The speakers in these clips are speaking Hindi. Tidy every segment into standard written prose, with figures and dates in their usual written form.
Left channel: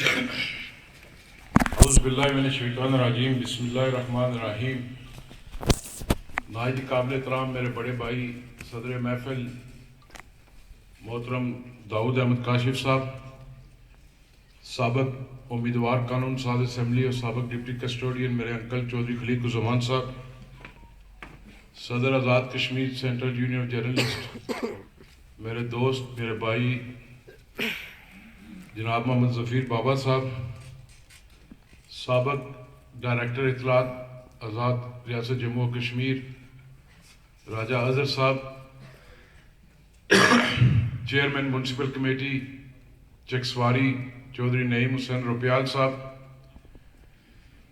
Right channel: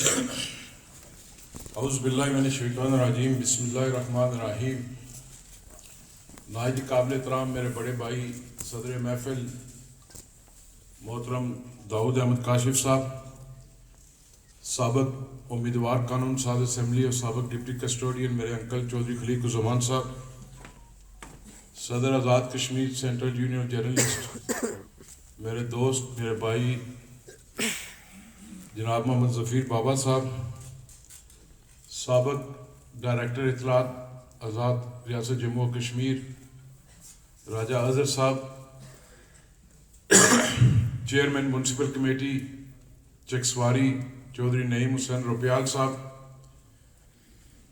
औज़ुबिल्लाहिमिनश्शैतानिर्रजीम बिस्मिल्लाहिर्रहमानिर्रहीम। नायत काबिल एहतराम मेरे बड़े भाई सदर महफिल मोहतरम दाऊद अहमद काशिफ साहब, साबिक़ उम्मीदवार कानून साज असम्बली और साबिक़ डिप्टी कस्टोडियन मेरे अंकल चौधरी खलीकुज़्ज़मान साहब, सदर Azad Kashmir central union journalist मेरे दोस्त मेरे भाई जनाब मोहम्मद ज़फ़ीर बाबा साहब, साबिक़ डायरेक्टर इत्तलात आज़ाद रियासत जम्मू और Kashmir Raja Azhar sahab, chairman municipal committee Chaksawari Chaudhry Naeem Hussain Rupyal sahab,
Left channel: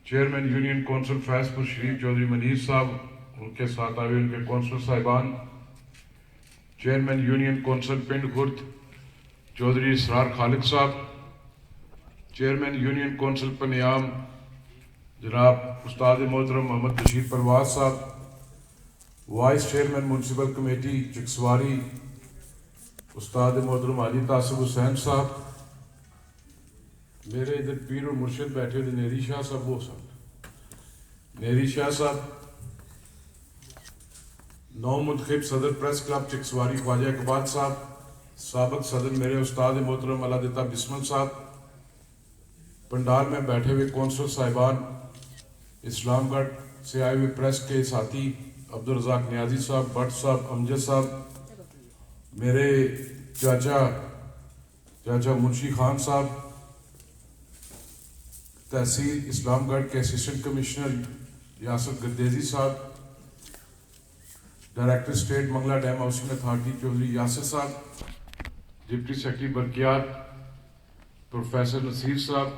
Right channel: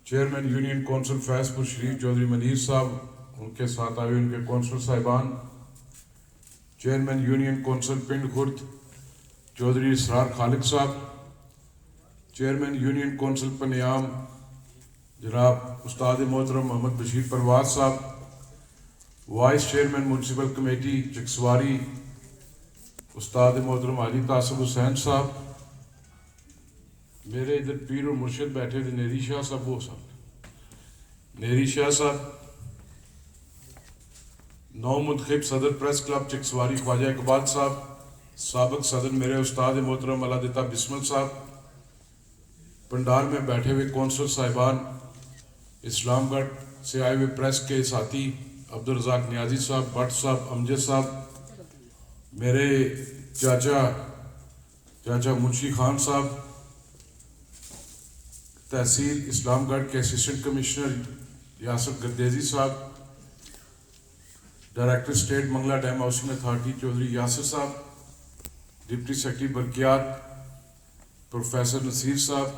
chairman union council Faizpur Sharif Chaudhry Munir sahab, उनके साथ आए उनके कौंसल साहिबान, चेयरमैन यूनियन कौंसल पिंड खुर्द चौधरी इसरार खालिद साहब, चेयरमैन यूनियन कौंसल पनियाम जनाब उस्ताद मोहतरम मोहम्मद बशीर परवाज साहब, vice chairman municipal committee Chakswari उस्ताद मोहतरम हाजी तासिफ हुसैन साहब, मेरे इधर पीर और मुर्शिद बैठे हुए नेरी शाह साहब, वो साहब नेरी शाह साहब, नौ मुंतखब सदर प्रेस क्लब चकसवारी ख्वाजा इकबाल साहब, साबिक़ सदर मेरे उस्ताद मोहतरम अलादिता बिस्मिल साहब, पंडाल में बैठे हुए कौंसल साहिबान, इस्लामगढ़ से आए हुए प्रेस के साथी अब्दुल रज़ाक नियाजी साहब, भट्ट साहब, अमजद साहब, मेरे चाचा मुंशी खान साहब, तहसील इस्लामगढ़ के असिस्टेंट कमिश्नर यासर गर्देजी साहब, director state Mangla dam housing authority Chaudhry Yasir साहब, डिप्टी सेक्रेटरी बरकियात प्रोफेसर नसीर साहब,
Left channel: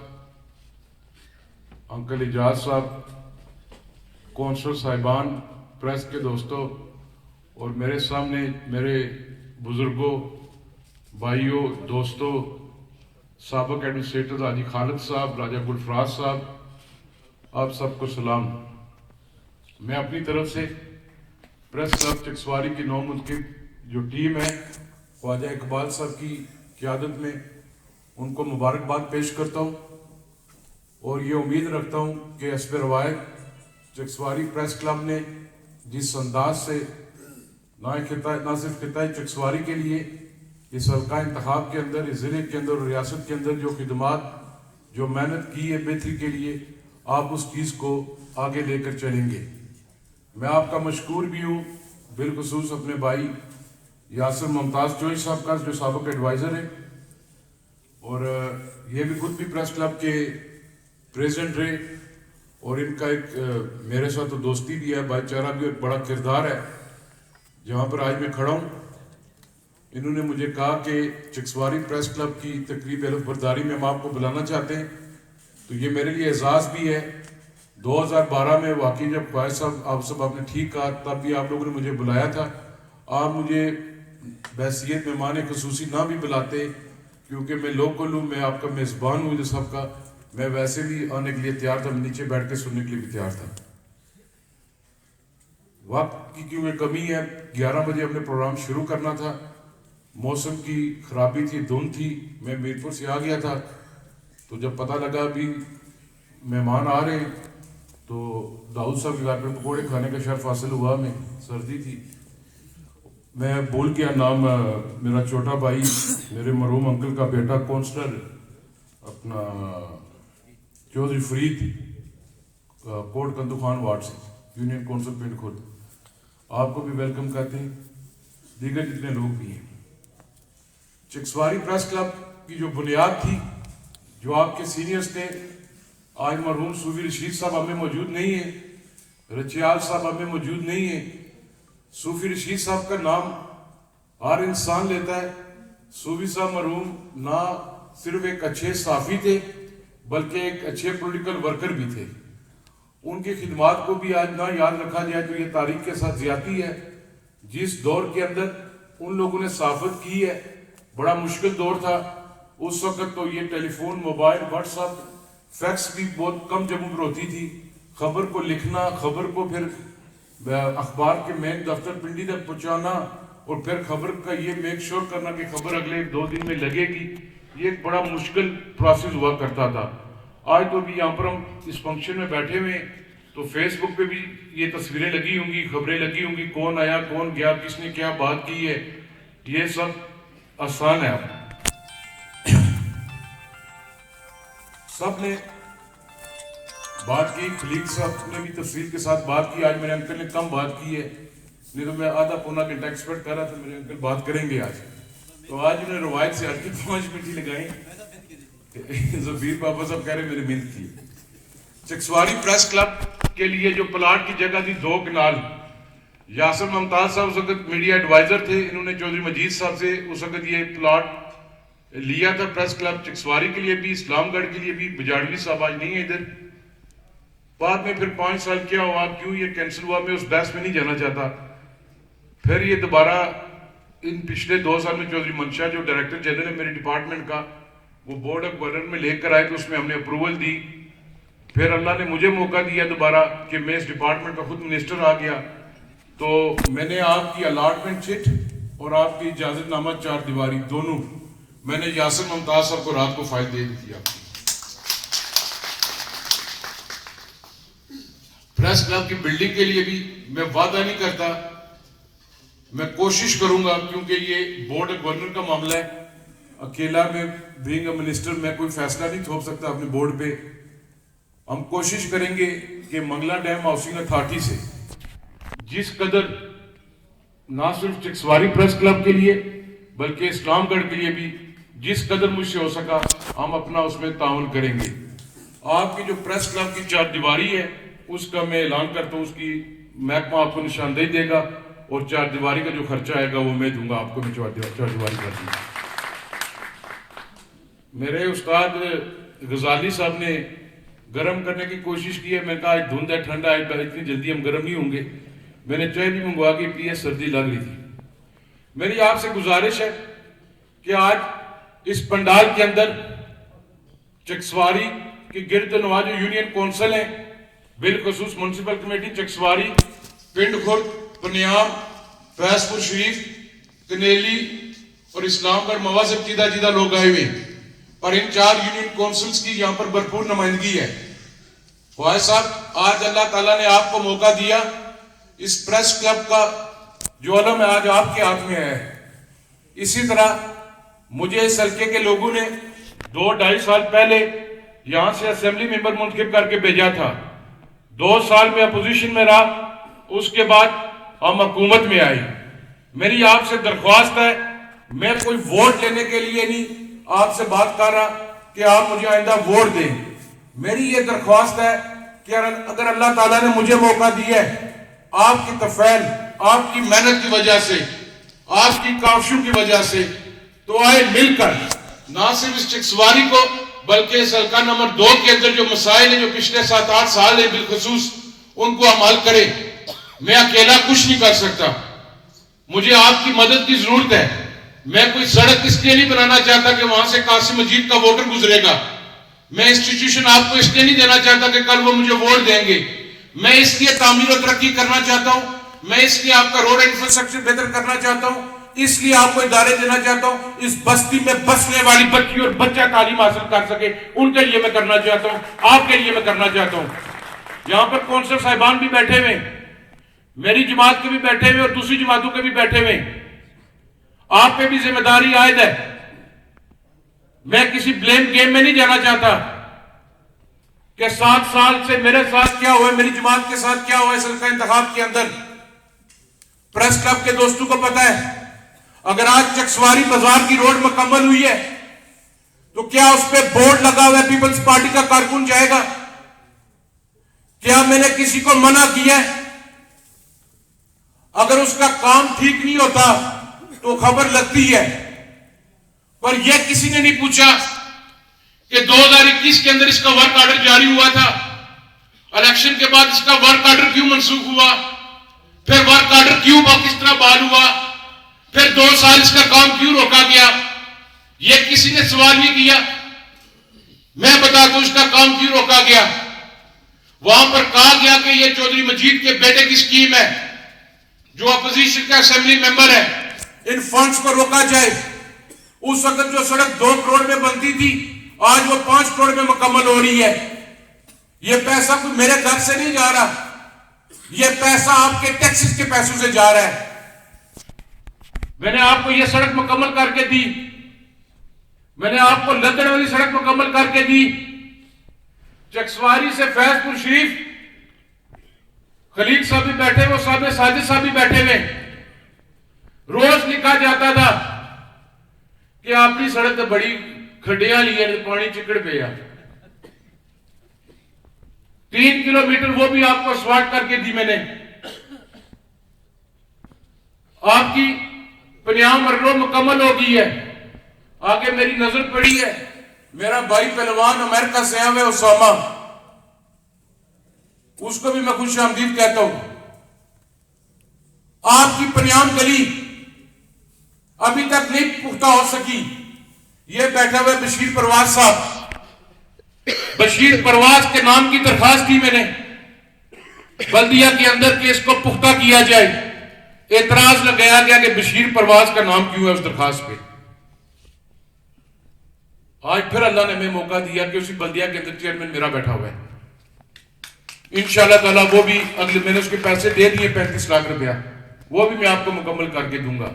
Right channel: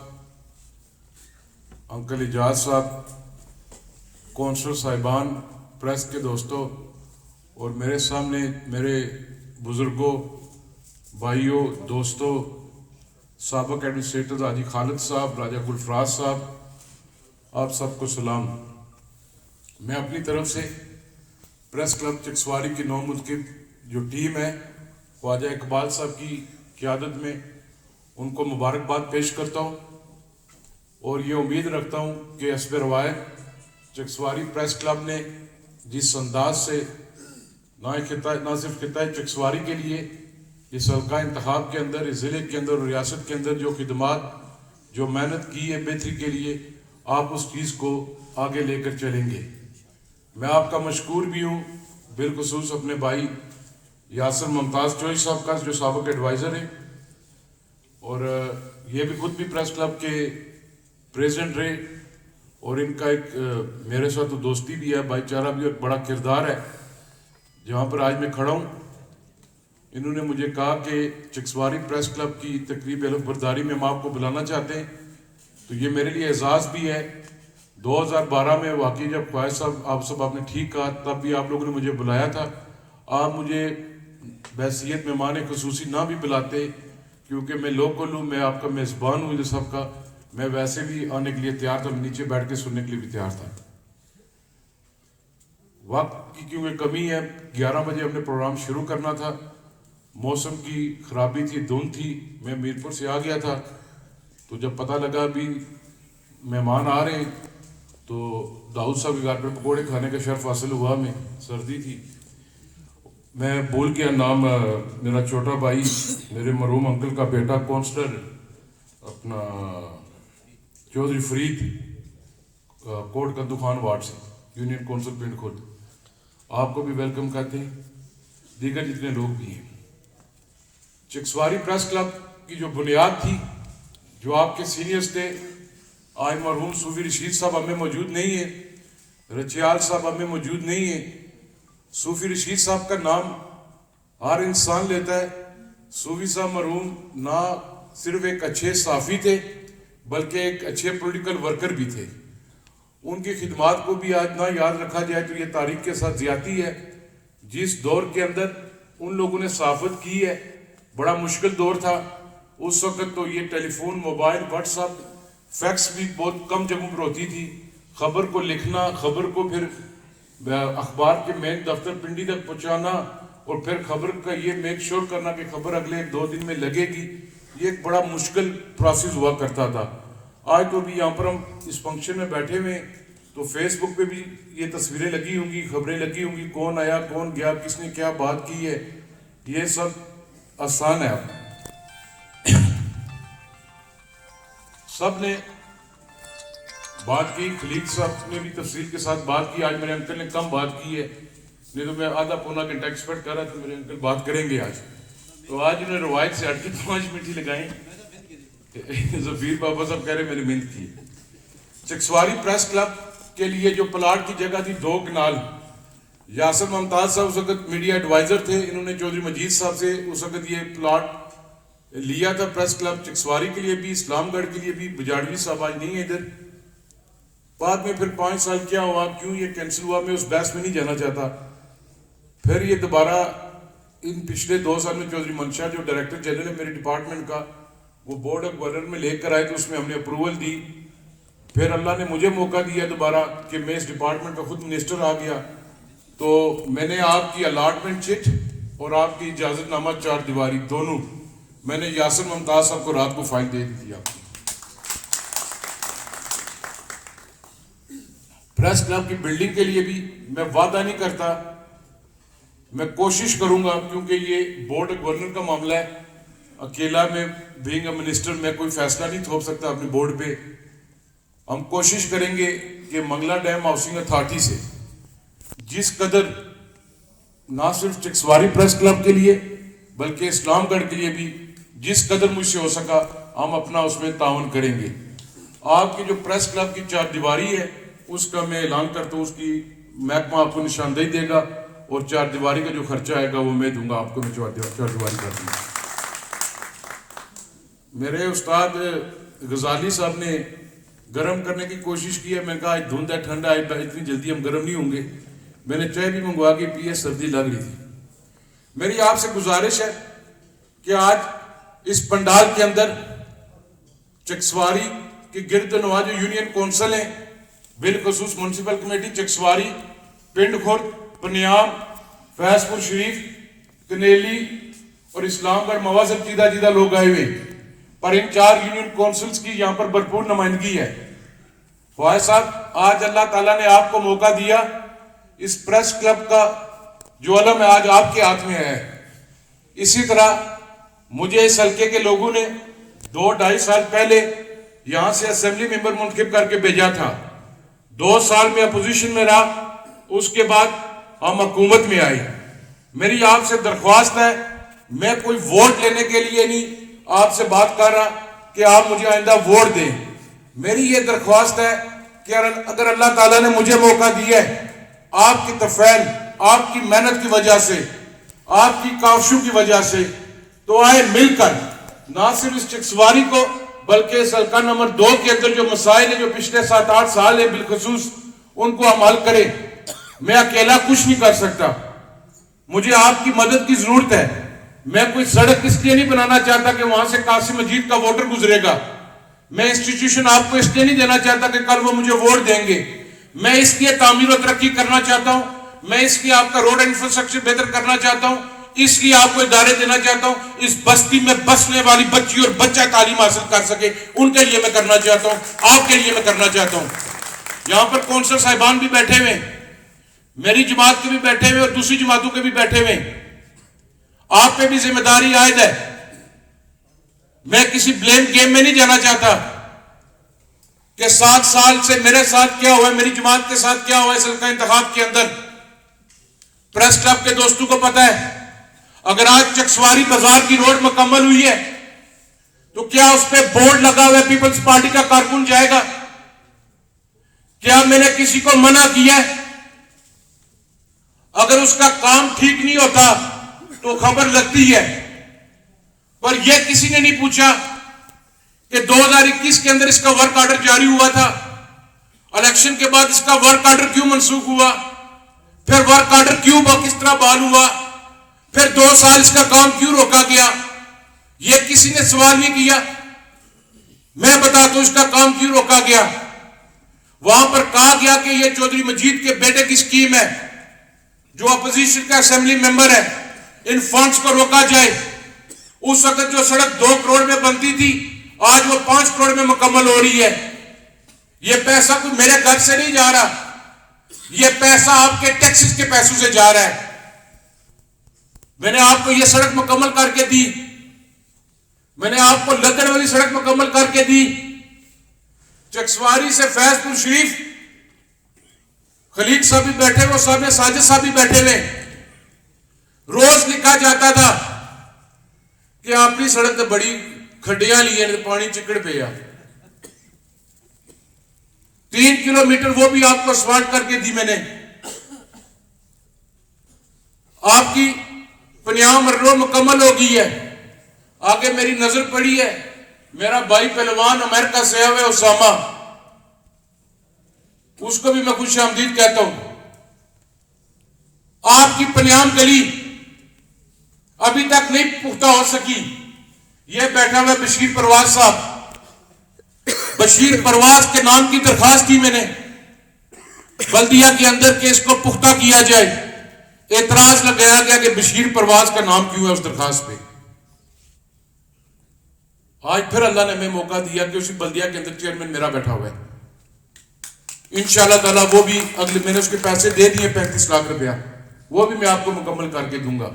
अंकल इजाज साहब, कौंसल साहिबान, प्रेस के दोस्तों और मेरे सामने मेरे बुजुर्गों, भाइयों, दोस्तों, साबिक़ एडमिनिस्ट्रेटर हाजी खालिद साहब, राजा गुलफराज साहब, आप सबको सलाम। मैं अपनी तरफ से प्रेस क्लब चकसवारी की नौ मुंतखब जो टीम है ख्वाजा इकबाल साहब की क़यादत में उनको मुबारकबाद पेश करता हूँ और ये उम्मीद रखता हूँ कि हस्ब रवायत चकसवारी प्रेस क्लब ने जिस अंदाज से ना सिर्फ खिताए चकसवारी के लिए इस हल्का इंतखाब के अंदर, इस ज़िले के अंदर और रियासत के अंदर जो खिदमात जो मेहनत की है बेहतरी के लिए, आप उस चीज़ को आगे लेकर चलेंगे। मैं आपका मशकूर भी हूँ, बिलखुसूस अपने भाई यासर मुमताज़ चौधरी साहब का जो साबिक़ एडवाइज़र है और ये भी खुद भी प्रेस क्लब के प्रेसिडेंट रहे और इनका एक मेरे साथ तो दोस्ती भी है, भाईचारा भी और बड़ा किरदार है। जहाँ पर आज मैं खड़ा हूँ, इन्होंने मुझे कहा कि चकसवारी प्रेस क्लब की तकरीब बरदारी में हम आपको बुलाना चाहते हैं, तो ये मेरे लिए एजाज़ भी है। 2012 में वाकई जब ख्वाजा साहब आप सब आपने ठीक कहा, तब भी आप लोगों ने मुझे बुलाया था। आप मुझे बहसीत मेहमान खुसूसी ना भी बुलाते, क्योंकि मैं लोकल हूँ, मैं आपका मेज़बान हूँ जो सबका, मैं वैसे भी आने के लिए तैयार था, मैं नीचे बैठ के सुनने के लिए भी तैयार था। वक्त की क्योंकि कमी है, 11 बजे अपने प्रोग्राम शुरू करना था, मौसम की खराबी थी, धुंध थी, मैं मीरपुर से आ गया था, तो जब पता लगा अभी मेहमान आ रहे हैं तो दाऊद साहब के घर पे पकौड़े खाने का शर्फ हासिल हुआ, में सर्दी थी। मैं भूल गया नाम, मेरा छोटा भाई मेरे मरहूम अंकल का बेटा काउंसलर अपना चौधरी फरीद कोट कंदू खान वार्ड से यूनियन कौंसिल पिंड खुद, आपको भी वेलकम करते हैं, दीगर जितने लोग भी हैं। चकसवारी प्रेस क्लब की जो बुनियाद थी, जो आपके सीनियर्स थे, आज मरहूम सूफी रशीद साहब हमें मौजूद नहीं है, रचियाल साहब हमें मौजूद नहीं है। सूफी रशीद साहब का नाम हर इंसान लेता है। सूफी साहब मरहूम ना सिर्फ एक अच्छे साफ़ी थे बल्कि एक अच्छे पॉलिटिकल वर्कर भी थे। उनकी खिदमात को भी आज ना याद रखा जाए तो ये तारीख के साथ ज्यादती है। जिस दौर के अंदर उन लोगों ने साफत की है, बड़ा मुश्किल दौर था उस वक्त, तो ये टेलीफोन, मोबाइल, व्हाट्सएप, फैक्स भी बहुत कम जगहों पर होती थी। खबर को लिखना, खबर को फिर अखबार के मेन दफ्तर पिंडी तक पहुंचाना और फिर खबर का ये मेक श्योर करना कि खबर अगले 2 दिन में लगेगी, ये एक बड़ा मुश्किल प्रोसेस हुआ करता था। आज तो भी यहाँ पर हम इस फंक्शन में बैठे हुए हैं, तो फेसबुक पे भी ये तस्वीरें लगी होंगी, खबरें लगी होंगी, कौन आया कौन गया, किसने क्या बात की है, ये सब आसान है। सब ने बात की, खलील साहब ने भी तफसील के साथ बात की। आज मेरे अंकल ने कम बात की है, नहीं तो मैं आधा पौना घंटा एक्सपेक्ट कर रहा था मेरे अंकल बात करेंगे आज। तो आज उन्होंने रवायत से हटके 5 मिनट ही लगाई। जबीर बाबा साहब कह रहे मेरी मेहनत की। चकसवारी प्रेस क्लब के लिए जो प्लाट की जगह थी 2 कनाल, यासर मुमताज साहब उस वक्त मीडिया एडवाइजर थे, इन्होंने चौधरी मजीद साहब से उस वक्त ये प्लाट लिया था प्रेस क्लब चकसवारी के लिए भी, इस्लामगढ़ के लिए भी। बजाड़वी साहब आज नहीं है इधर। बाद में फिर 5 साल क्या हुआ, क्यों ये कैंसिल हुआ, मैं उस बहस में नहीं जाना चाहता। फिर ये दोबारा इन पिछले 2 साल में चौधरी मंशा जो डायरेक्टर जनरल है मेरे डिपार्टमेंट का, वो बोर्ड ऑफ गवर्नर में लेकर आए, तो उसमें हमने अप्रूवल दी। फिर अल्लाह ने मुझे मौका दिया दोबारा कि मैं इस डिपार्टमेंट का खुद मिनिस्टर आ गया, तो मैंने आपकी अलॉटमेंट चिट और आपकी इजाजतनामा 4 दीवारी दोनों मैंने यासिर मुमताज साहब को रात को फाइल दे दी थी आपकी। प्रेस क्लब की बिल्डिंग के लिए भी मैं वादा नहीं करता, मैं कोशिश करूंगा, क्योंकि ये बोर्ड ऑफ गवर्नर का मामला है। अकेला मैं बीइंग अ मिनिस्टर मैं कोई फैसला नहीं थोप सकता अपने बोर्ड पे। हम कोशिश करेंगे कि मंगला डैम हाउसिंग अथॉरिटी से जिस कदर ना सिर्फ चकसवारी प्रेस क्लब के लिए बल्कि इस्लामगढ़ के लिए भी जिस कदर मुझसे हो सका हम अपना उसमें ताउन करेंगे। आपकी जो प्रेस क्लब की 4 दीवारी है उसका मैं ऐलान करता हूँ, उसकी महकमा आपको निशानदेही देगा और 4 दीवारी का जो खर्चा आएगा वो मैं दूंगा आपको। मैं 4 दीवारी कर दूंगा। मेरे उस्ताद गजाली साहब ने गर्म करने की कोशिश की है, मैं कहा आज धुंध है, ठंडा है, इतनी जल्दी हम गर्म नहीं होंगे। मैंने चाय भी मंगवा के पी है, सर्दी लग रही थी। मेरी आपसे गुजारिश है कि आज इस पंडाल के अंदर चकसवारी की गिरदनवा जो यूनियन कौंसिल है, बिलखसूस म्युनिसिपल कमेटी चकसवारी, पिंड खुर्द, पनियाम, फैजपुर शरीफ, कनेली और इस्लामगढ़ मवाजब जीदा लोग आए हुए, पर इन 4 यूनियन काउंसिल्स की यहाँ पर भरपूर नुमाइंदगी है। फवाद साहब, आज अल्लाह ताला ने आपको मौका दिया, इस प्रेस क्लब का जो अलम है आज आपके हाथ में है। इसी तरह मुझे इस हल्के के लोगों ने 2-2.5 साल पहले यहां से असेंबली मेंबर मुंतखब करके भेजा था। 2 साल में अपोजिशन में रहा, उसके बाद हम हुकूमत में आए। मेरी आपसे दरख्वास्त है, मैं कोई वोट लेने के लिए नहीं आपसे बात कर रहा कि आप मुझे आइंदा वोट दें। मेरी ये दरख्वास्त है कि अगर अल्लाह ताला ने मुझे मौका दिया है, आपकी तफैल, आपकी मेहनत की वजह से, आपकी काविशों की वजह से, तो आए मिलकर ना सिर्फ इस चकसवारी को बल्कि इस हल्का नंबर 2 के अंदर जो मसाइल है जो पिछले 7-8 साल है बिलखसूस उनको हम हल करें। मैं अकेला कुछ नहीं कर सकता, मुझे आपकी मदद की जरूरत है। मैं कोई सड़क इसलिए नहीं बनाना चाहता कि वहां से कासिम मजीद का वोटर गुजरेगा। मैं इंस्टीट्यूशन आपको इसलिए नहीं देना चाहता कि कल वो मुझे वोट देंगे। मैं इसलिए तामीर और तरक्की करना चाहता हूं, मैं इसलिए आपका रोड इंफ्रास्ट्रक्चर बेहतर करना चाहता हूं, इसलिए आपको इदारे देना चाहता हूं, इस बस्ती में बसने वाली बच्ची और बच्चा तालीम हासिल कर सके, उनके लिए मैं करना चाहता हूं, आपके लिए मैं करना चाहता हूं। यहां पर कौंसलर साहिबान भी बैठे हुए, मेरी जमात के भी बैठे हुए और दूसरी जमातों के भी बैठे हुए। आप पे भी जिम्मेदारी आयद है। मैं किसी ब्लेम गेम में नहीं जाना चाहता कि 7 साल से मेरे साथ क्या हुआ, मेरी जमात के साथ क्या हुआ इस हल्का इंतखाब के अंदर। प्रेस क्लब के दोस्तों को पता है, अगर आज चकसवारी बाजार की रोड मुकम्मल हुई है तो क्या उस पर बोर्ड लगा हुआ है पीपल्स पार्टी का कारकुन जाएगा? क्या मैंने किसी को मना किया है? अगर उसका काम ठीक नहीं होता तो खबर लगती है, पर यह किसी ने नहीं पूछा कि 2021 के अंदर इसका वर्क ऑर्डर जारी हुआ था, इलेक्शन के बाद इसका वर्क ऑर्डर क्यों मनसूख हुआ, फिर वर्क ऑर्डर क्यों किस तरह बहाल हुआ, फिर 2 साल इसका काम क्यों रोका गया, यह किसी ने सवाल नहीं किया। मैं बताता हूं इसका काम क्यों रोका गया। वहां पर कहा गया कि यह चौधरी मजीद के बेटे की स्कीम है, जो अपोजिशन का असेंबली मेंबर है, इन फंड्स को रोका जाए। उस वक्त जो सड़क 2 करोड़ में बनती थी, आज वो 5 करोड़ में मुकम्मल हो रही है। ये पैसा तो मेरे घर से नहीं जा रहा, ये पैसा आपके टैक्सेस के पैसों से जा रहा है। मैंने आपको ये सड़क मुकम्मल करके दी, मैंने आपको लद्दड़ वाली सड़क मुकम्मल करके दी। चकसवारी से फैजपुर शरीफ, खलीक साहब भी बैठे, वो साहब में साजिद साहब भी बैठे हुए, रोज लिखा जाता था कि आपकी सड़क तो बड़ी खड्डियां ली है, पानी चिकड़ पे आ। 3 किलोमीटर वो भी आपको स्मार्ट करके दी मैंने। आपकी पनियाम मरलो मुकम्मल हो गई है। आगे मेरी नजर पड़ी है, मेरा भाई पहलवान अमेरिका से आया हुआ उसामा, उसको भी मैं खुश आमदीद कहता हूं। आपकी पनियाम गली अभी तक नहीं पुख्ता हो सकी। यह बैठा हुआ बशीर परवाज साहब, बशीर परवाज के नाम की दरखास्त की मैंने बल्दिया के अंदर कि इसको पुख्ता किया जाए। एतराज लगाया गया कि बशीर परवाज का नाम क्यों है उस दरखास्त पे। आज फिर अल्लाह ने हमें मौका दिया कि उसी बल्दिया के अंदर चेयरमैन मेरा बैठा हुआ है। इंशाअल्लाह ताला वो भी अगले, मैंने उसके पैसे दे दिए 35 लाख रुपया, वो भी मैं आपको मुकम्मल करके दूंगा।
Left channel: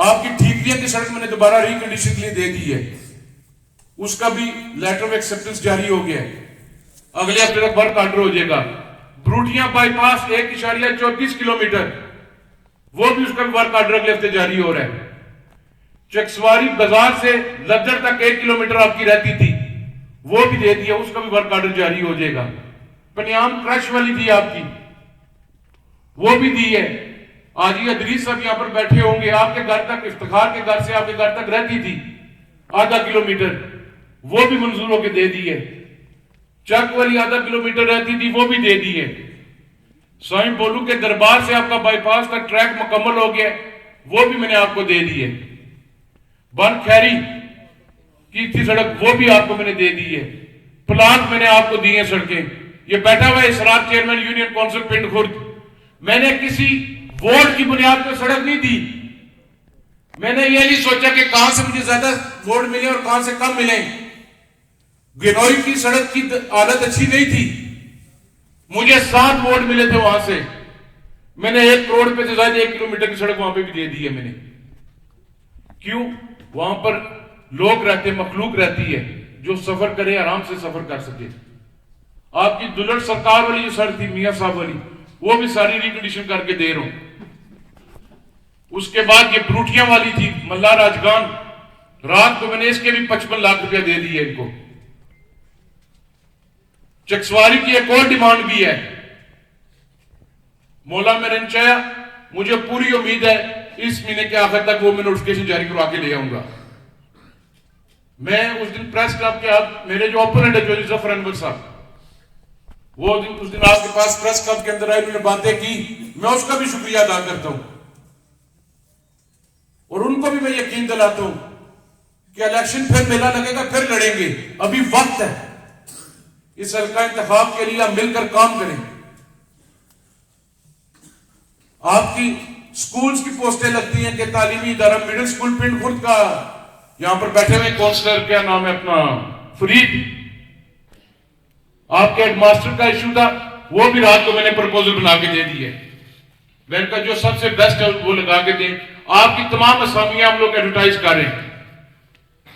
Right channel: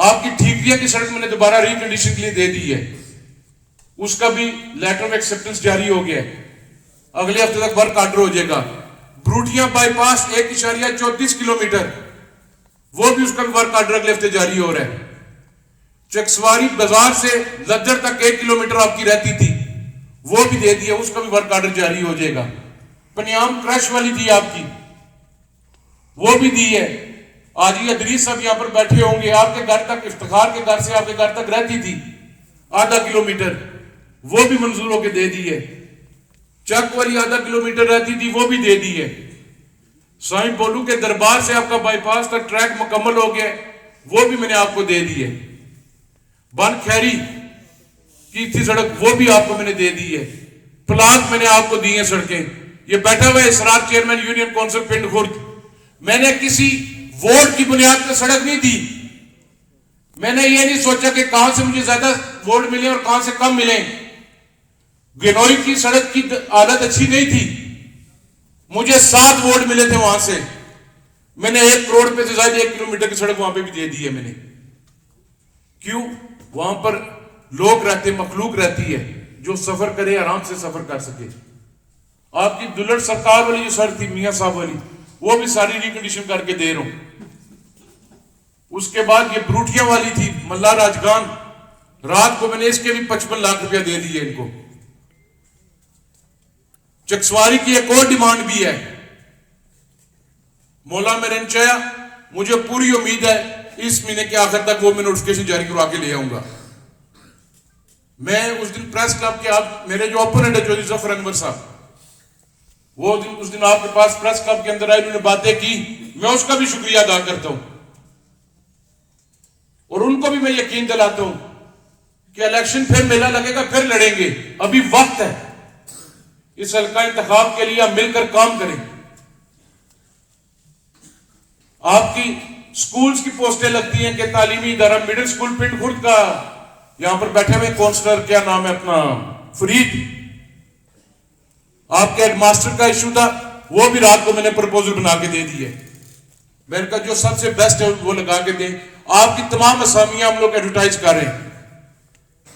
आपकी ठीकरिया की सड़क मैंने दोबारा रिकंडीशन के लिए दे दी है, उसका भी लेटर ऑफ एक्सेप्टेंस जारी हो गया है। अगले हफ्ते तक वर्क ऑर्डर हो जाएगा। ब्रूटिया बाईपास 1.34 किलोमीटर, वो भी उसका भी वर्क ऑर्डर अगले हफ्ते जारी हो रहा है। चकसवारी बाजार से लद्दड़ तक 1 किलोमीटर आपकी रहती थी, वो भी दे दिया, उसका भी वर्क ऑर्डर जारी हो जाएगा। पनियाम क्रश वाली थी आपकी, वो भी दी है। आज ये अदरीस साहब यहां पर बैठे होंगे, आपके घर तक, इफ्तिखार के घर से आपके घर तक रहती थी आधा किलोमीटर, वो भी मंजूर होकर दे दी है। चक वाली आधा किलोमीटर रहती थी, वो भी दे दी है। स्वामी बोलू के दरबार से आपका बाईपास का ट्रैक मुकम्मल हो गया, वो भी मैंने आपको दे दी है। बन खैरी की थी सड़क, वो भी आपको मैंने दे दी है। प्लांट मैंने आपको दी है सड़कें। ये बैठा हुआ इसरार चेयरमैन यूनियन काउंसिल पिंड खुर्द, मैंने किसी वोट की बुनियाद पर सड़क नहीं दी। मैंने ये नहीं सोचा कि कहां से मुझे ज्यादा वोट मिले और कहां से कम मिले। गिनोई की सड़क की हालत अच्छी नहीं थी, मुझे 7 वोट मिले थे वहां से। मैंने 1 करोड़ रुपए से ज्यादा 1 किलोमीटर की सड़क वहां पे भी दे दी है मैंने। क्यों? वहां पर लोग रहते, मखलूक रहती है, जो सफर करे आराम से सफर कर सके। आपकी दुलट सरकार वाली जो सड़क थी मियां साहब वाली, वो भी सारी रिकंडीशन करके दे रहा हूं। उसके बाद ये ब्रूटिया वाली थी मल्ला राजगान, रात को मैंने इसके भी 55 लाख रुपया दे दिए इनको। चकसवारी की एक और डिमांड भी है, मौला में रंचाया, मुझे पूरी उम्मीद है इस महीने के आखिर तक वो मैं नोटिफिकेशन जारी करवा के ले आऊंगा। मैं उस दिन प्रेस क्लब के आप, मेरे जो ओपोनेंट है जो जफर अनवर साहब, वो दिन उस दिन आपके पास प्रेस क्लब के अंदर आए, उन्होंने बातें की, मैं उसका भी शुक्रिया अदा करता हूं। और उनको भी मैं यकीन दिलाता हूं कि इलेक्शन फिर मेला लगेगा, फिर लड़ेंगे, अभी वक्त है। इस हल्का इंतखाब के लिए आप मिलकर काम करें। आपकी स्कूल्स की पोस्टें लगती हैं कि तालीमी इदारा मिडिल स्कूल पिंड खुर्द का, यहां पर बैठे हुए काउंसलर, क्या नाम है अपना, फरीद, आपके हेडमास्टर का इशू था, वो भी रात को मैंने प्रपोजल बना के दे दी है। मैंने कहा जो सबसे बेस्ट है वो लगा के दें। आपकी तमाम असामियां हम लोग एडवर्टाइज कर रहे हैं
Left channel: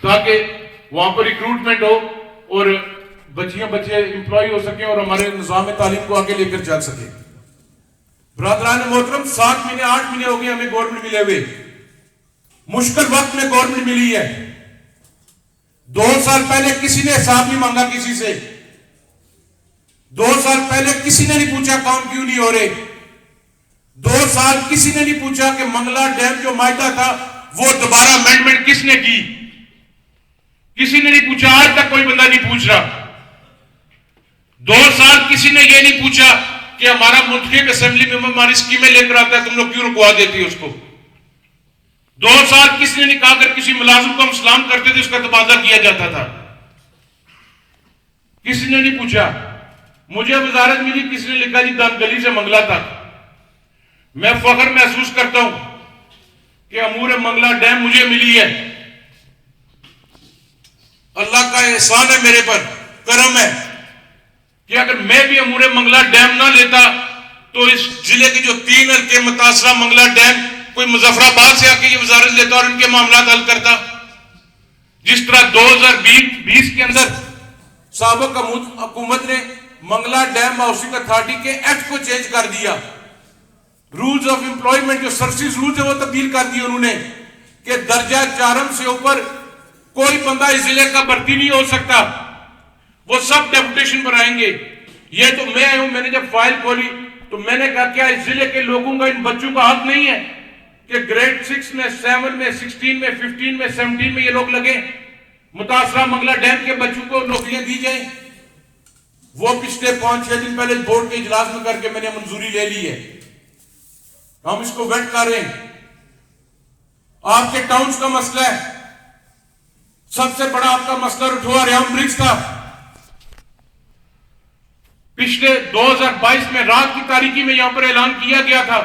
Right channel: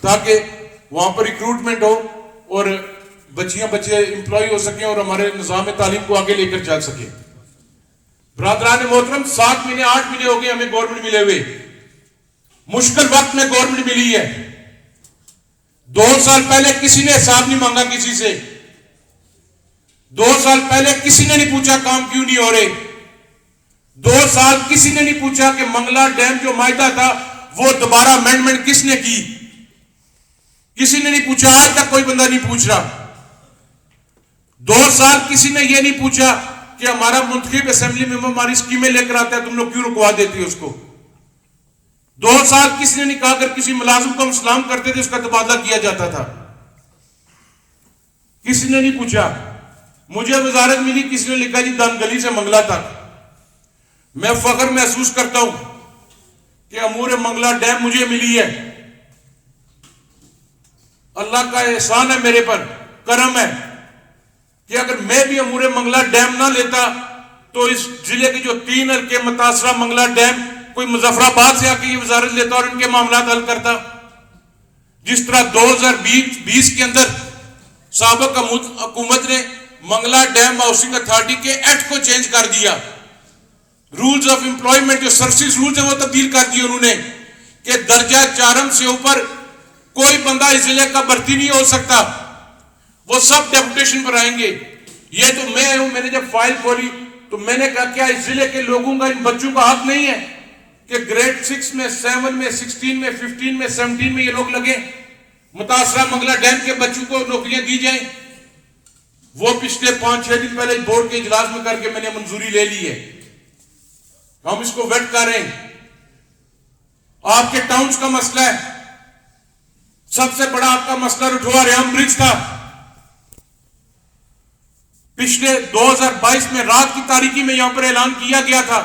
ताकि वहां पर रिक्रूटमेंट हो और बच्चे इंप्लॉय हो सके और हमारे निजाम तालीम को आगे लेकर चल सके। ब्रादरान मोहतरम, 7 महीने 8 महीने हो गए हमें गवर्नमेंट मिले हुए, मुश्किल वक्त में गवर्नमेंट मिली है। 2 साल पहले किसी ने हिसाब नहीं मांगा किसी से, 2 साल पहले किसी ने नहीं पूछा काम क्यों नहीं हो रहे, 2 साल किसी ने नहीं पूछा कि मंगला डैम जो मायदा था वो दोबारा अमेंडमेंट किसने की, किसी ने नहीं पूछा। आज तक कोई बंदा नहीं पूछ रहा। 2 साल किसी ने यह नहीं पूछा कि हमारा मुंतखब असेंबली में हमारी स्कीमें लेकर आता है, तुम लोग क्यों रुकवा देती है उसको। 2 साल किसी ने नहीं कहा अगर किसी मुलाजिम को हम सलाम करते थे उसका तबादला किया जाता था, किसी ने नहीं पूछा। मुझे वजारत मिली, किसी ने लिखा जी दम गली से मंगला तक। मैं फख्र महसूस करता हूं कि अमूर मंगला डैम मुझे मिली है। अल्लाह का एहसान है मेरे पर, करम है कि अगर मैं भी अमूर मंगला डैम ना लेता तो इस जिले की जो 3 हल्के मुतासरा मंगला डैम कोई मुजफ्फराबाद से आके ये वजारत लेता और उनके मामला हल करता। जिस तरह 2020 के अंदर साबिक हुकूमत ने मंगला डैम हाउसिंग अथॉरिटी के एक्ट को चेंज कर दिया, रूल्स ऑफ एम्प्लॉयमेंट जो सर्विस रूल्स है वो तब्दील कर दिए उन्होंने कि दर्जा 4 से ऊपर कोई बंदा इस जिले का भर्ती नहीं हो सकता, वो सब डेपुटेशन पर आएंगे। ये तो मैं हूं, मैंने जब फाइल खोली तो मैंने कहा क्या इस जिले के लोगों का, इन बच्चों का हक नहीं है कि ग्रेड 6 में 7 में 16 में 15 में 17 में ये लोग लगे, मुतासरा मंगला डैम के बच्चों को नौकरियां दी जाए। वो पिछले 5-6 दिन पहले बोर्ड के इजलास में करके मैंने मंजूरी ले ली है, हम इसको वेट कर रहे हैं। आपके टाउन्स का मसला है, सबसे बड़ा आपका मसला रुठवा रेहम ब्रिज था। पिछले 2022 में रात की तारीखी में यहां पर ऐलान किया गया था,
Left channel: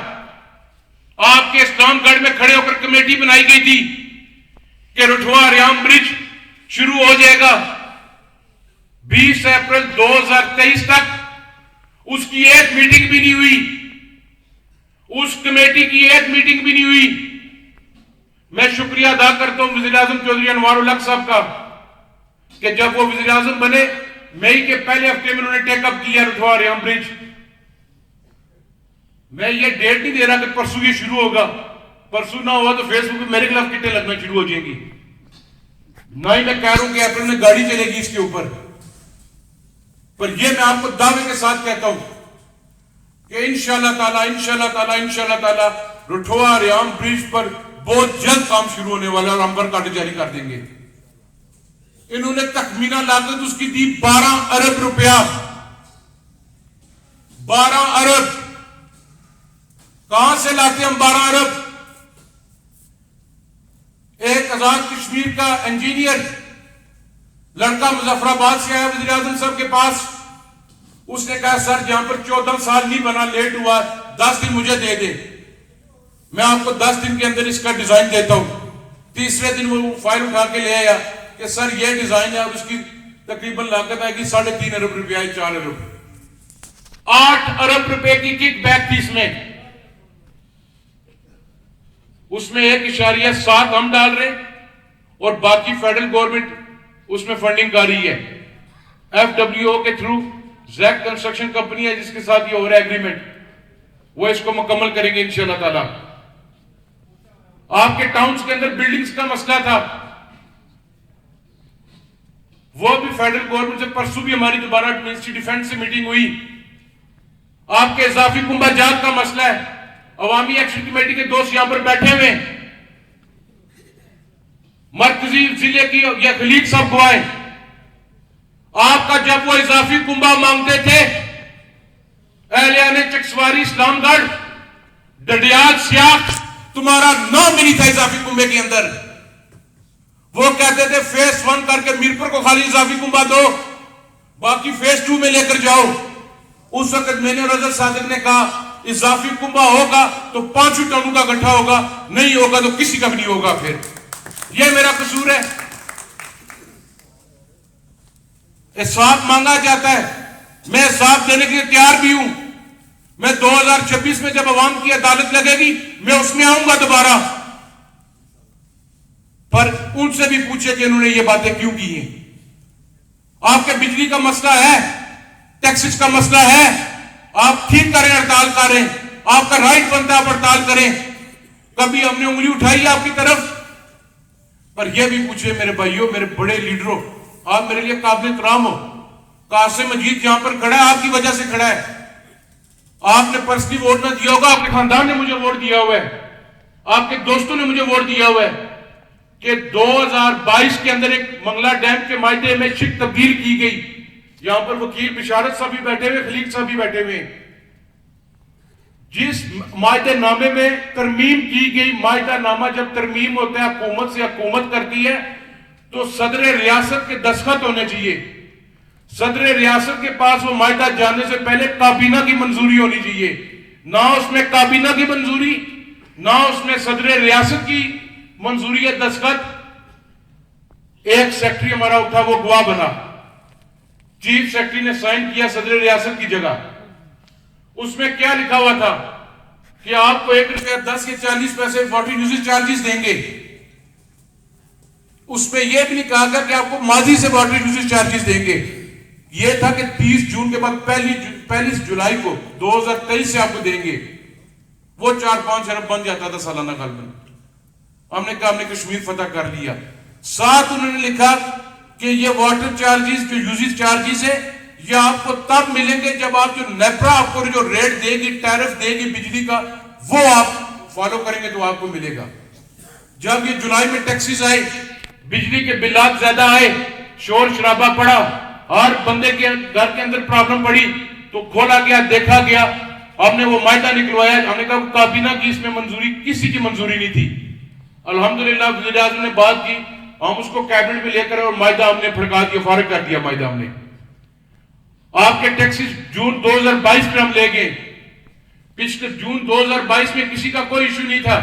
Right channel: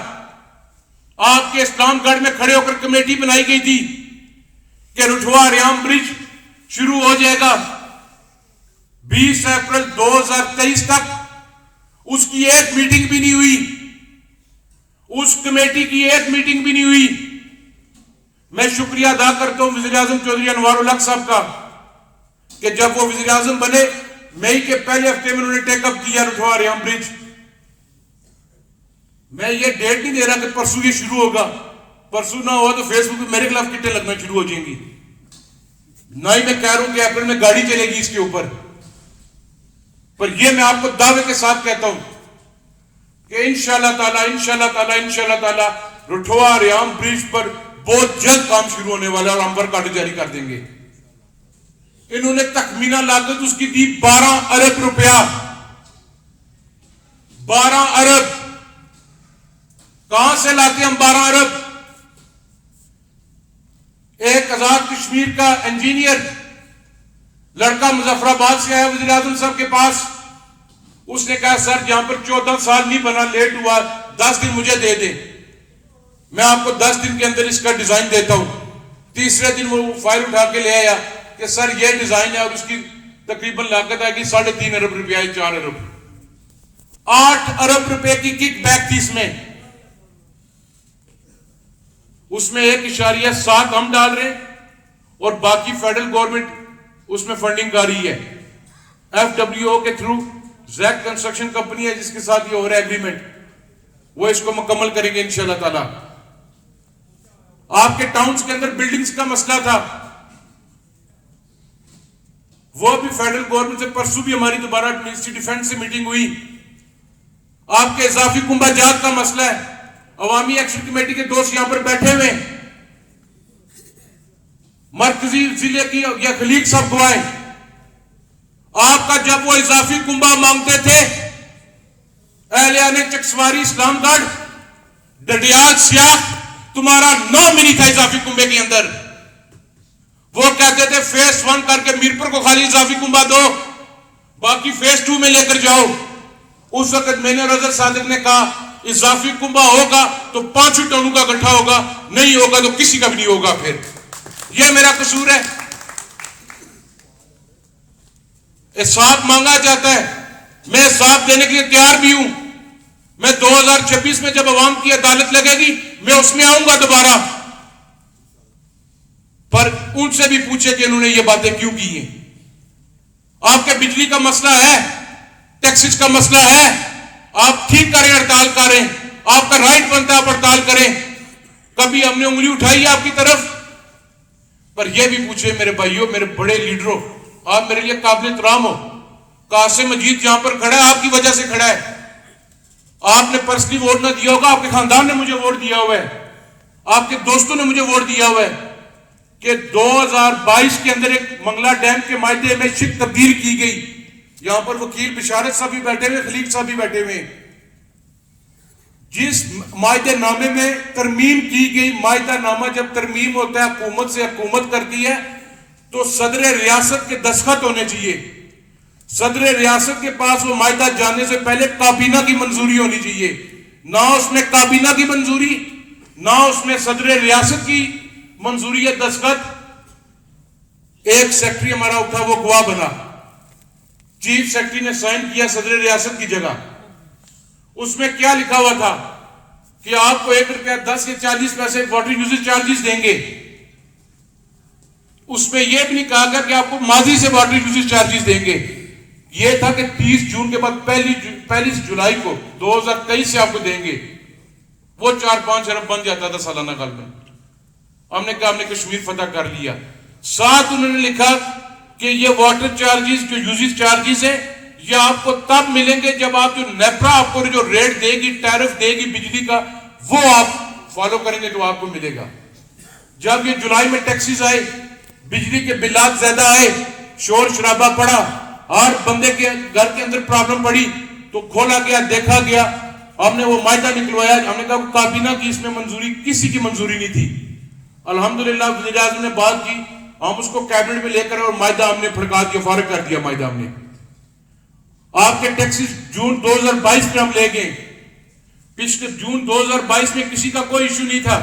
आपके इस्लामगढ़ में खड़े होकर कमेटी बनाई गई थी कि रुठवा रेहम ब्रिज शुरू हो जाएगा 20 अप्रैल 2023 तक। उसकी एक मीटिंग भी नहीं हुई, उस कमेटी की एक मीटिंग भी नहीं हुई। मैं शुक्रिया अदा करता हूं वज़ीर आज़म चौधरी अनवार उल हक साहब का कि जब वो वज़ीर आज़म बने मई के पहले हफ्ते में उन्होंने टेकअप किया रुठवा रेहम ब्रिज। मैं ये डेट नहीं दे रहा कि परसों ये शुरू होगा, परसों ना हुआ तो फेसबुक पे मेरे खिलाफ किटें लगना शुरू हो जाएंगी। ना ही मैं कह रहा हूं कि अप्रैल में गाड़ी चलेगी इसके ऊपर, पर यह मैं आपको दावे के साथ कहता हूं कि इंशाअल्लाह ताला रुठवा रेहम ब्रिज पर बहुत जल्द काम शुरू होने वाला है और हम पर कार्ड जारी कर देंगे। इन्होंने तखमीना लागत उसकी दी 12 अरब रुपया। 12 अरब कहां से लाते हम 12 अरब? एक आजाद कश्मीर का इंजीनियर लड़का मुजफ्फराबाद से आया वज़ीर आज़म साहब के पास, उसने कहा सर जहां पर 14 साल नहीं बना, लेट हुआ, 10 दिन मुझे दे दे, मैं आपको 10 दिन के अंदर इसका डिजाइन देता हूं। तीसरे दिन वो फाइल उठा के ले आया कि सर ये डिजाइन है और उसकी तकरीबन लागत आएगी 3.5 अरब रुपया, 4 अरब। 8 अरब रुपए की किक बैक थी इसमें। उसमें 1.7 हम डाल रहे हैं और बाकी फेडरल गवर्नमेंट उसमें फंडिंग कर रही है। FWO के थ्रू जैक कंस्ट्रक्शन कंपनी है जिसके साथ ये हो रहा है एग्रीमेंट, वो इसको मुकम्मल करेंगे इंशाल्लाह ताला। आपके टाउन्स के अंदर बिल्डिंग्स का मसला था, वो भी फेडरल गवर्नमेंट से परसों भी हमारी दोबारा मिनिस्ट्री डिफेंस से मीटिंग हुई। आपके इजाफी कुंभा जात का मसला है, अवामी एक्शन कमेटी के दोस्त यहां पर बैठे हुए, मरकजी जिले की या खलीक साहब को आए, आपका जब वो इजाफी कुंभा मांगते थे एहलिया ने चकसवारी इस्लामगढ़ डडियाल सियाख तुम्हारा नाम भी नहीं था इजाफी कुंभे के अंदर। वो कहते थे फेज 1 करके मीरपुर को खाली इजाफी कुंभा दो, बाकी फेज 2 में लेकर जाओ। उस वक्त मैंने रजत सादिक ने कहा इजाफी कुंभा होगा तो 5 टनों का इकट्ठा होगा, नहीं होगा तो किसी का भी नहीं होगा। फिर यह मेरा कसूर है। साथ मांगा जाता है, मैं साथ देने के लिए तैयार भी हूं। मैं 2026 में जब अवाम की अदालत लगेगी मैं उसमें आऊंगा दोबारा, पर उनसे भी पूछे कि उन्होंने ये बातें क्यों की हैं। आपके बिजली का मसला है, टैक्सेस का मसला है, आप ठीक करें, हड़ताल करें, आपका राइट बनता है आप हड़ताल करें। कभी हमने उंगली उठाई है आपकी तरफ, पर यह भी पूछे मेरे भाइयों, मेरे बड़े लीडरों, आप मेरे लिए काबिल एहतराम हो। कासिम मजीद जहां पर खड़ा है आपकी वजह से खड़ा है। आपने पर्सनली वोट ना दिया होगा, आपके खानदान ने मुझे वोट दिया हुआ है, आपके दोस्तों ने मुझे वोट दिया हुआ है कि 2022 के अंदर एक मंगला डैम के मायदे में शिप तब्दील की गई। यहां पर वकील बिशारत साहब भी बैठे हुए, खलीक साहब भी बैठे हुए। जिस मायदे नामे में तरमीम की गई, मायदा नामा जब तरमीम होता है हुकूमत से हुकूमत करती है तो सदर रियासत के दस्तखत होने चाहिए। सदर रियासत के पास वो मायदा जाने से पहले काबीना की मंजूरी होनी चाहिए। ना उसमें काबीना की मंजूरी, ना उसमें सदर रियासत की मंजूरी है दस्तखत, एक सेक्रेटरी हमारा उठा वो गवाह बना, चीफ सेक्रेटरी ने साइन किया सदर रियासत की जगह। उसमें क्या लिखा हुआ था कि आपको 1 रुपया 10 के 40 पैसे वाटर यूजेज चार्जेस देंगे। उसमें यह भी नहीं कहा गया कि आपको माजी से वाटर यूजेज चार्जेस देंगे। यह था कि 30 जून के बाद पहली जुलाई को 2023 से आपको देंगे। वो 4-5 अरब बन जाता था सालाना गलबन। हमने कहा हमने कश्मीर फतह कर लिया। साथ उन्होंने लिखा कि ये वाटर चार्जेस जो यूजेज चार्जेस है ये आपको तब मिलेंगे जब आप जो नेपरा आपको जो रेट देगी, टैरिफ देगी बिजली का, वो आप फॉलो करेंगे तो आपको मिलेगा। जब ये जुलाई में टैक्सेस आए, बिजली के बिलात ज्यादा आए, शोर शराबा पड़ा, हर बंदे के घर के अंदर प्रॉब्लम पड़ी, तो खोला गया, देखा गया, हमने वो मायदा निकलवाया। हमने कहा काबीना की इसमें मंजूरी, किसी की मंजूरी नहीं थी। अल्हम्दुलिल्लाह वज़ीर आज़म ने बात की, हम उसको कैबिनेट में लेकर और मायदा हमने फड़का दिया, फारिग कर दिया मायदा हमने। आपके टैक्सेस जून 2022 में हम ले गए। पिछले जून 2022 में किसी का कोई इश्यू नहीं था।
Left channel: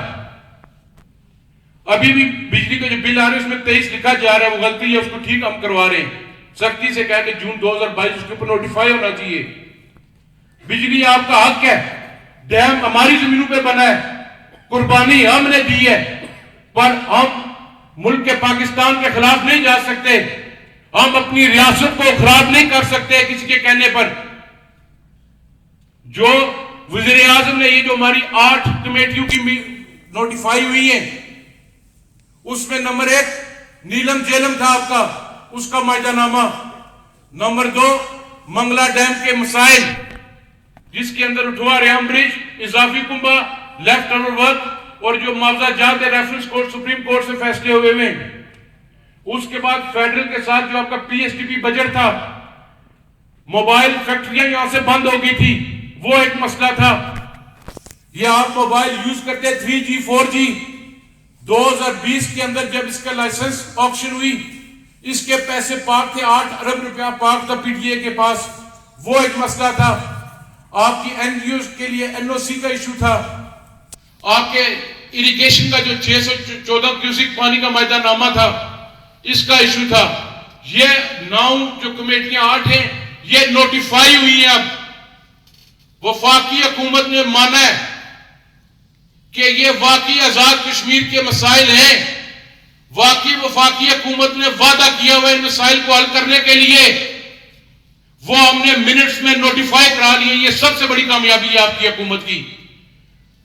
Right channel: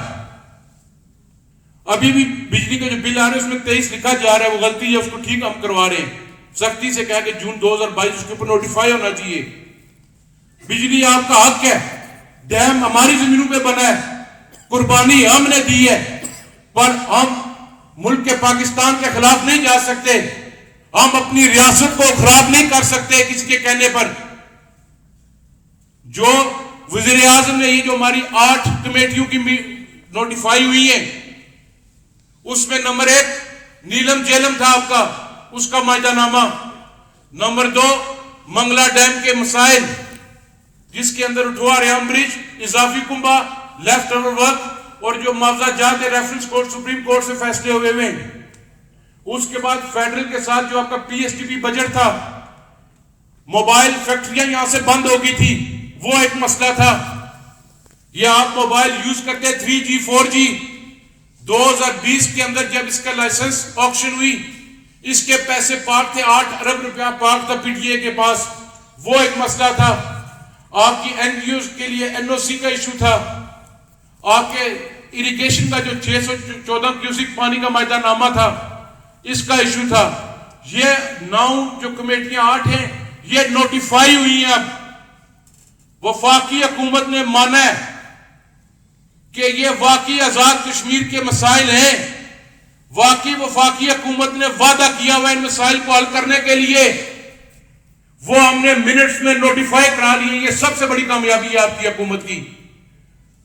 अभी भी बिजली के जो बिल आ रहे हैं उसमें 23 लिखा जा रहा है, वो गलती है, उसको ठीक हम करवा रहे हैं। सख्ती से कहा कि जून 2022 उसके ऊपर नोटिफाई होना चाहिए। बिजली आपका हक है, डैम हमारी जमीनों पे बना है, कुर्बानी हमने दी है, पर हम मुल्क के पाकिस्तान के खिलाफ नहीं जा सकते, हम अपनी रियासत को खराब नहीं कर सकते किसी के कहने पर। जो वज़ीर आज़म ने ये जो हमारी 8 कमेटियों की नोटिफाई हुई है, उसमें नंबर 1 नीलम जेलम था आपका, उसका मायदानामा। नंबर 2 मंगला डैम के मसाइल, जिसके अंदर उठवा रेम ब्रिज, इजाफी कुंबा, लेफ्ट ओवर वर्क और जो मुआवजा जात रेफरेंस कोर्ट सुप्रीम कोर्ट से फैसले हुए हैं। उसके बाद फेडरल के साथ जो आपका पीएसटीपी बजट था, मोबाइल फैक्ट्रियां यहां से बंद हो गई थी, वो एक मसला था। ये आप मोबाइल यूज करते 3G 4G, 2020 के अंदर जब इसका लाइसेंस ऑक्शन हुई, इसके पैसे पाक थे, 8 अरब रुपया पाक था पीटीए के पास, वो एक मसला था। आपकी एनजीओ के लिए एनओसी का इशू था। आपके इरिगेशन का जो 614 क्यूसिक पानी का मायदानामा था, इसका इशू था। ये 9 जो कमेटियां 8 हैं, ये नोटिफाई हुई हैं। अब वफाकी हुकूमत ने माना है कि ये वाकई आजाद कश्मीर के मसाइल हैं। वाकई वफाकी हुकूमत ने वादा किया हुआ इन मसाइल को हल करने के लिए, वो हमने मिनट्स में नोटिफाई करा लिए। ये सबसे बड़ी कामयाबी है आपकी हुकूमत की।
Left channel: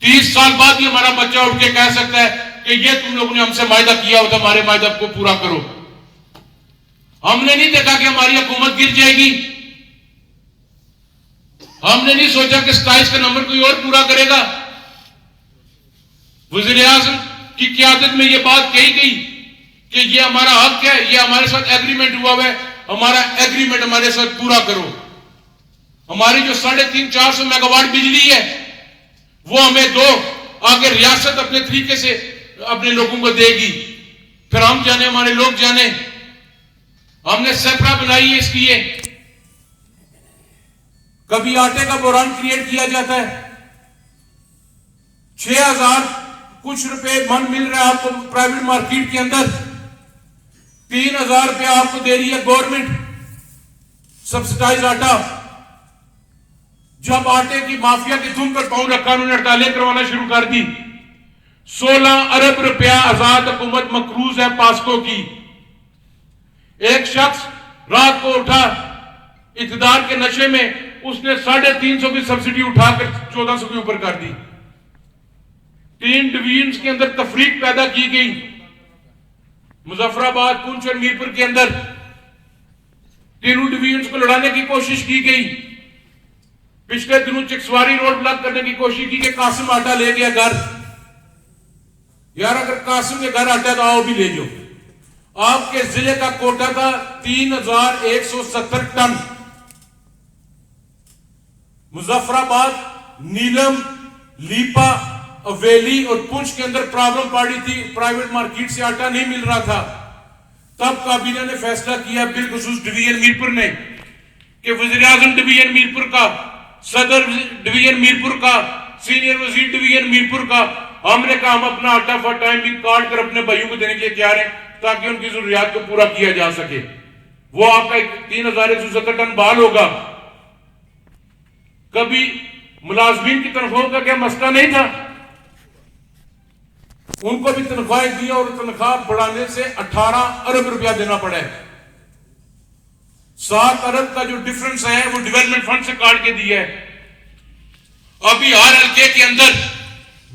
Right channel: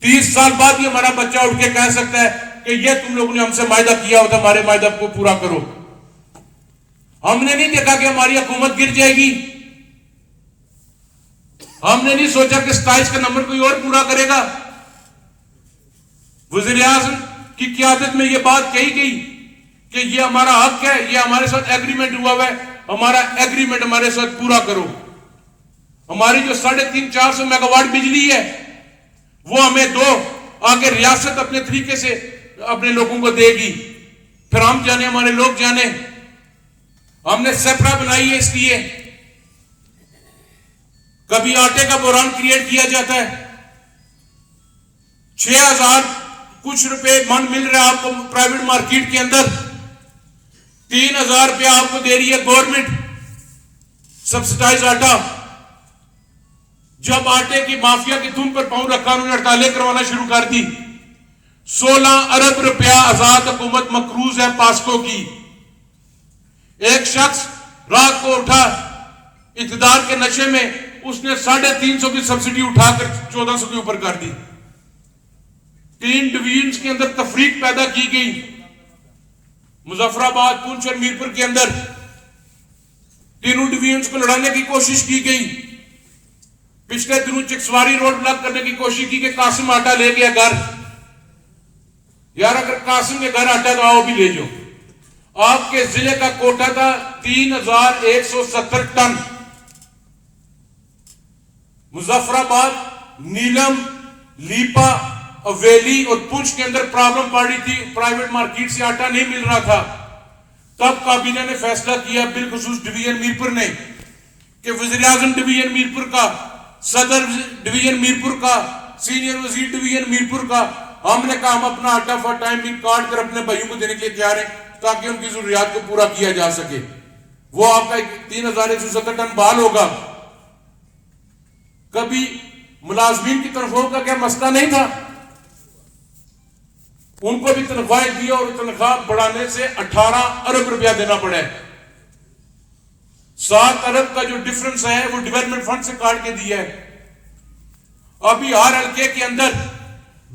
30 साल बाद ही हमारा बच्चा उठ के कह सकता है कि ये तुम लोगों ने हमसे मायदा किया होता, हमारे मायदा को पूरा करो। हमने नहीं देखा कि हमारी हुकूमत गिर जाएगी। हमने नहीं सोचा कि 27 का नंबर कोई और पूरा करेगा। वज़ीर आज़म की क़यादत में यह बात कही गई कि ये हमारा हक है, ये हमारे साथ एग्रीमेंट हुआ है, हमारा एग्रीमेंट हमारे साथ पूरा करो। हमारी जो 350-400 मेगावाट बिजली है वो हमें दो, आगे रियासत अपने तरीके से अपने लोगों को देगी, फिर हम जाने, हमारे लोग जाने। हमने सेपरा बनाई है इसकी। कभी आटे का बोरान क्रिएट किया जाता है, 6000 कुछ रुपए मन मिल रहा है आपको प्राइवेट मार्केट के अंदर, 3000 रुपया आपको दे रही है गवर्नमेंट सब्सिडाइज आटा। जब आटे की माफिया की धुन पर पांव रखा, उन्होंने हड़तालें करवाना शुरू कर दी। 16 अरब रुपया आजाद हुकूमत मकरूज है पास्को की। एक शख्स रात को उठा इक़्तिदार के नशे में, उसने 350 की सब्सिडी उठाकर 1400 के ऊपर कर दी। 3 डिवीजन के अंदर तफरीक पैदा की गई। मुजफ्फराबाद, पुंछ और मीरपुर के अंदर तीनों डिवीजन को लड़ाने की कोशिश की गई। पिछले दिनों चिकसवारी रोड ब्लॉक करने की कोशिश की कि कासिम आटा ले गया घर। यार अगर कासिम के घर आटा तो आओ भी ले जाओ। आपके जिले का कोटा था 3170 टन। मुजफ्फराबाद, नीलम, लीपा, अवेली और पुंछ के अंदर प्रॉब्लम पड़ी थी, प्राइवेट मार्केट से आटा नहीं मिल रहा था। तब काबीना ने फैसला किया, बिलखुसूस डिवीजन मीरपुर ने, कि वज़ीर आज़म डिवीजन मीरपुर का, सदर डिवीजन मीरपुर का, सीनियर वजीर डिवीजन मीरपुर का हमने कहा हम अपना आटा फॉर टाइम भी काट कर अपने भाइयों को देने के लिए तैयार हैं ताकि उनकी जरूरियात को पूरा किया जा सके। वो आपका 3170 टन बाल होगा। कभी मुलाजमीन की तनख्वाह का क्या मसला नहीं था, उनको भी तनख्वाहें दी और तनख्वाह बढ़ाने से 18 अरब रुपया देना पड़ा है। 7 अरब का जो डिफरेंस है वो डेवलपमेंट फंड से काट के दिया है। अभी हर हल्के के अंदर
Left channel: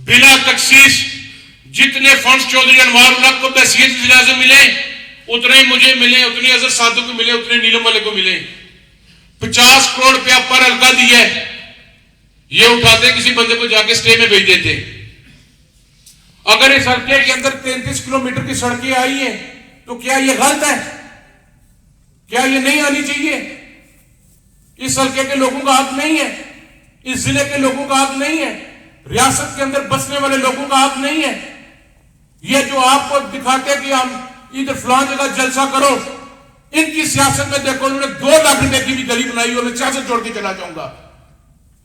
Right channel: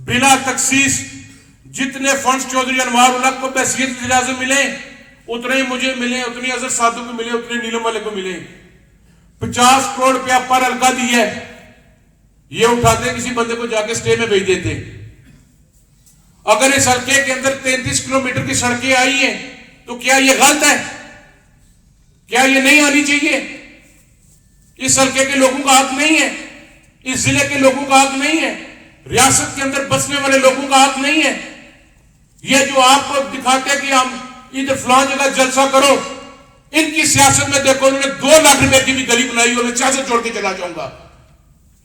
बिला तखसीस जितने फंड्स चौधरी अनवार उल्लाह को बहसियत इजाजत मिले उतने मुझे मिले, उतने अजहर साधु को मिले, उतने नीलम वाले को मिले। 50 करोड़ रुपया पर हल्का दिया है, ये उठाते किसी बंदे को जाके स्टे में भेज देते। अगर इस हल्के के अंदर 33 किलोमीटर की सड़कें आई हैं तो क्या ये गलत है? क्या ये नहीं आनी चाहिए? इस हल्के के लोगों का हक नहीं है? इस जिले के लोगों का हक नहीं है? रियासत के अंदर बसने वाले लोगों का हक नहीं है? ये जो आपको दिखाते हैं कि हम इधर फलां जगह जलसा करो, इनकी सियासत में देखो उन्होंने 2 लाख रुपए की भी गली बनाई और मैं सियासत छोड़ के चला जाऊंगा।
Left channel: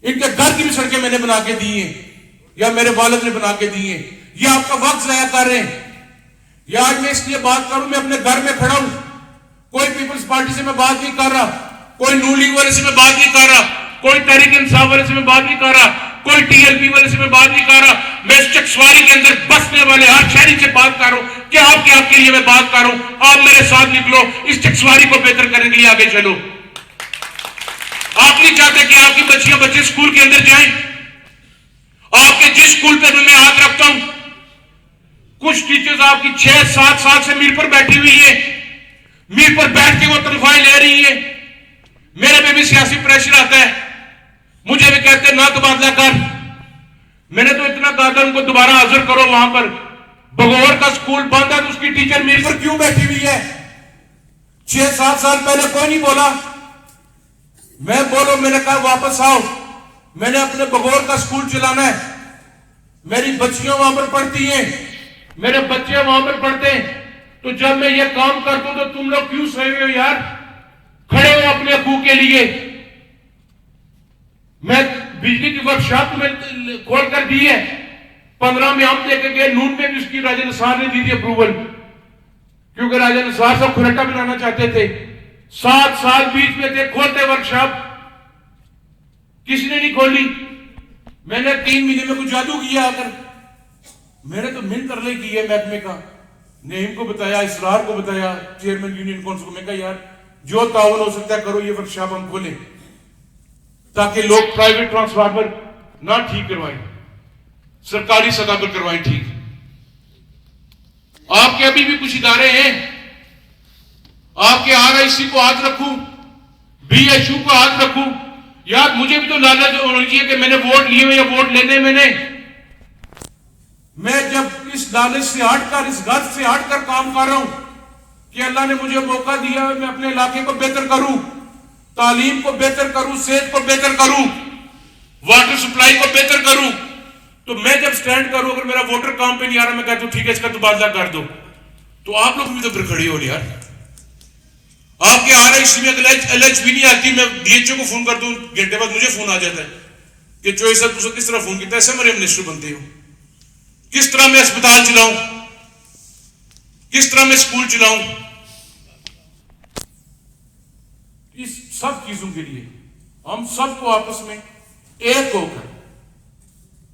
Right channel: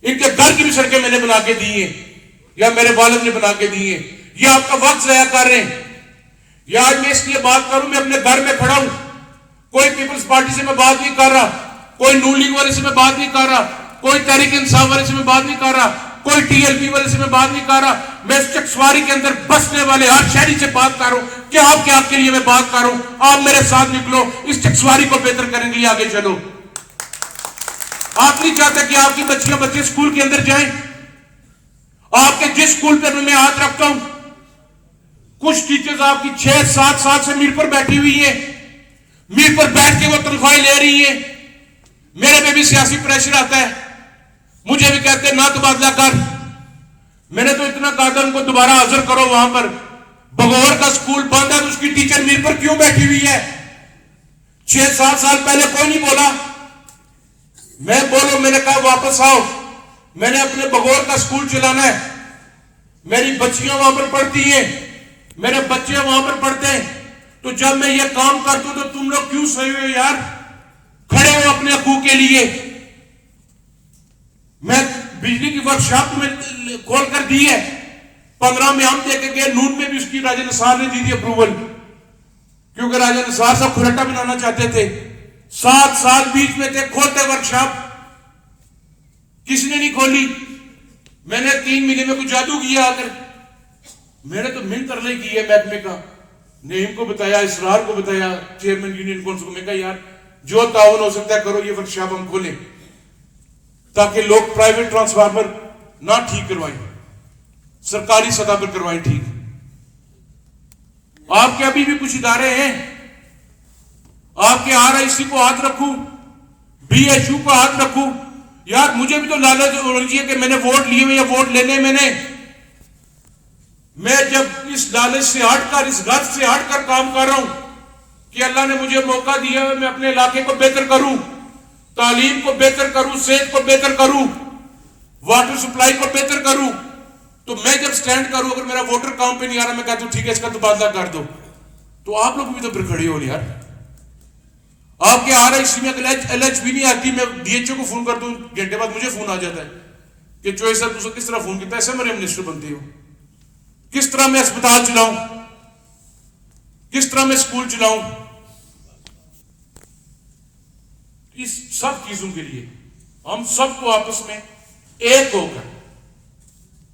इनके घर की भी सड़कें मैंने बना के दी है या मेरे वालिद ने बना के दी है। ये आपका वक्त ज़ाया कर रहे हैं। या आज मैं इसलिए बात करूं, मैं अपने घर में खड़ा हूं, कोई पीपल्स पार्टी से मैं बात नहीं कर रहा, कोई नून लीग वाले से मैं बात नहीं कर रहा, कोई तहरीक इंसाफ वाले से मैं बात नहीं कर रहा, कोई टीएलपी वाले से मैं बात नहीं कर रहा। मैं इस चकसवारी के अंदर बसने वाले हर शहरी से बात कर रहा हूं कि आपके लिए मैं बात कर रहा हूं। आप मेरे साथ निकलो, इस चकसवारी को बेहतर करने के लिए आगे चलो। आप नहीं चाहते कि आपकी बच्चियां बच्चे स्कूल के अंदर जाएं? आपके जिस स्कूल पर मैं हाथ रखता हूं, कुछ टीचर्स आपकी 6-7 साल से मीर पर बैठी हुई है, मीर पर बैठ के वो तनख्वाहें ले रही है। मेरे पे भी सियासी प्रेशर आता है, मुझे भी कहते हैं ना तबादला कर। मैंने तो इतना कहा था उनको दोबारा हाजिर करो। वहां पर बगौर का स्कूल बंद है तो उसकी टीचर मीर पर क्यों बैठी हुई है? 6-7 साल पहले कोई नहीं बोला, मैं बोलो, मैंने कहा वापस आओ, मैंने अपने बगौर का स्कूल चलाना है, मेरी बच्चियां वहां पर पढ़ती हैं, मेरे बच्चे वहां पर पढ़ते हैं, तो जब मैं ये काम कर दूं तो तुम लोग क्यों सही हो यार? खड़े हो अपने हकूक के लिए। मैं बिजली की वर्कशॉप में खोल कर दी है, 15 में हम लेके गए, नून में भी उसकी राजा निसार ने दी थी अप्रूवल, क्योंकि राजा निसार साहब खुराटा बनाना चाहते थे। 7 साल बीच में थे, खोलते वर्कशॉप, किसी ने नहीं खोली। मैंने 3 महीने में कुछ जादू किया आकर, मैंने तो मिन तरले की है महकमे का, नईम को बताया, इसरार को बताया, चेयरमैन यूनियन काउंसिल को। मैं कहा यार जो ताउन हो सकता है करो, ये वर्कशॉप हम खोलें ताकि लोग प्राइवेट ट्रांसफार्मर ना ठीक करवाएं, सरकारी सतह पर करवाएं ठीक। आपके अभी भी कुछ इदारे हैं, आपके RIC को हाथ रखूं, BHU को हाथ रखूं, यार मुझे भी तो लालच होनी चाहिए कि मैंने वोट लिए हुए, वोट लेने मैंने, मैं जब इस लालच से हटकर, इस गर्व से हटकर काम कर रहा हूं कि अल्लाह ने मुझे मौका दिया है, मैं अपने इलाके को बेहतर करूं, तालीम को बेहतर करूं, सेहत को बेहतर करूं, वाटर सप्लाई को बेहतर करूं, तो मैं जब स्टैंड करूं, अगर मेरा वोटर काम पे नहीं आ रहा, मैं कहता हूं ठीक है इसका तबादला कर दो, तो आप लोग भी तो फिर खड़े हो यार। आपके RIC में LH भी नहीं आती, मैं DHO को फोन कर दूं, घंटे बाद मुझे फोन आ जाता है कि चोई साहब तुझे किस तरह फोन किया, ऐसे मेरे मिनिस्टर बनते हो, किस तरह मैं अस्पताल चलाऊं, किस तरह मैं स्कूल चलाऊं। इस सब चीजों के लिए हम सबको आपस में एक होकर,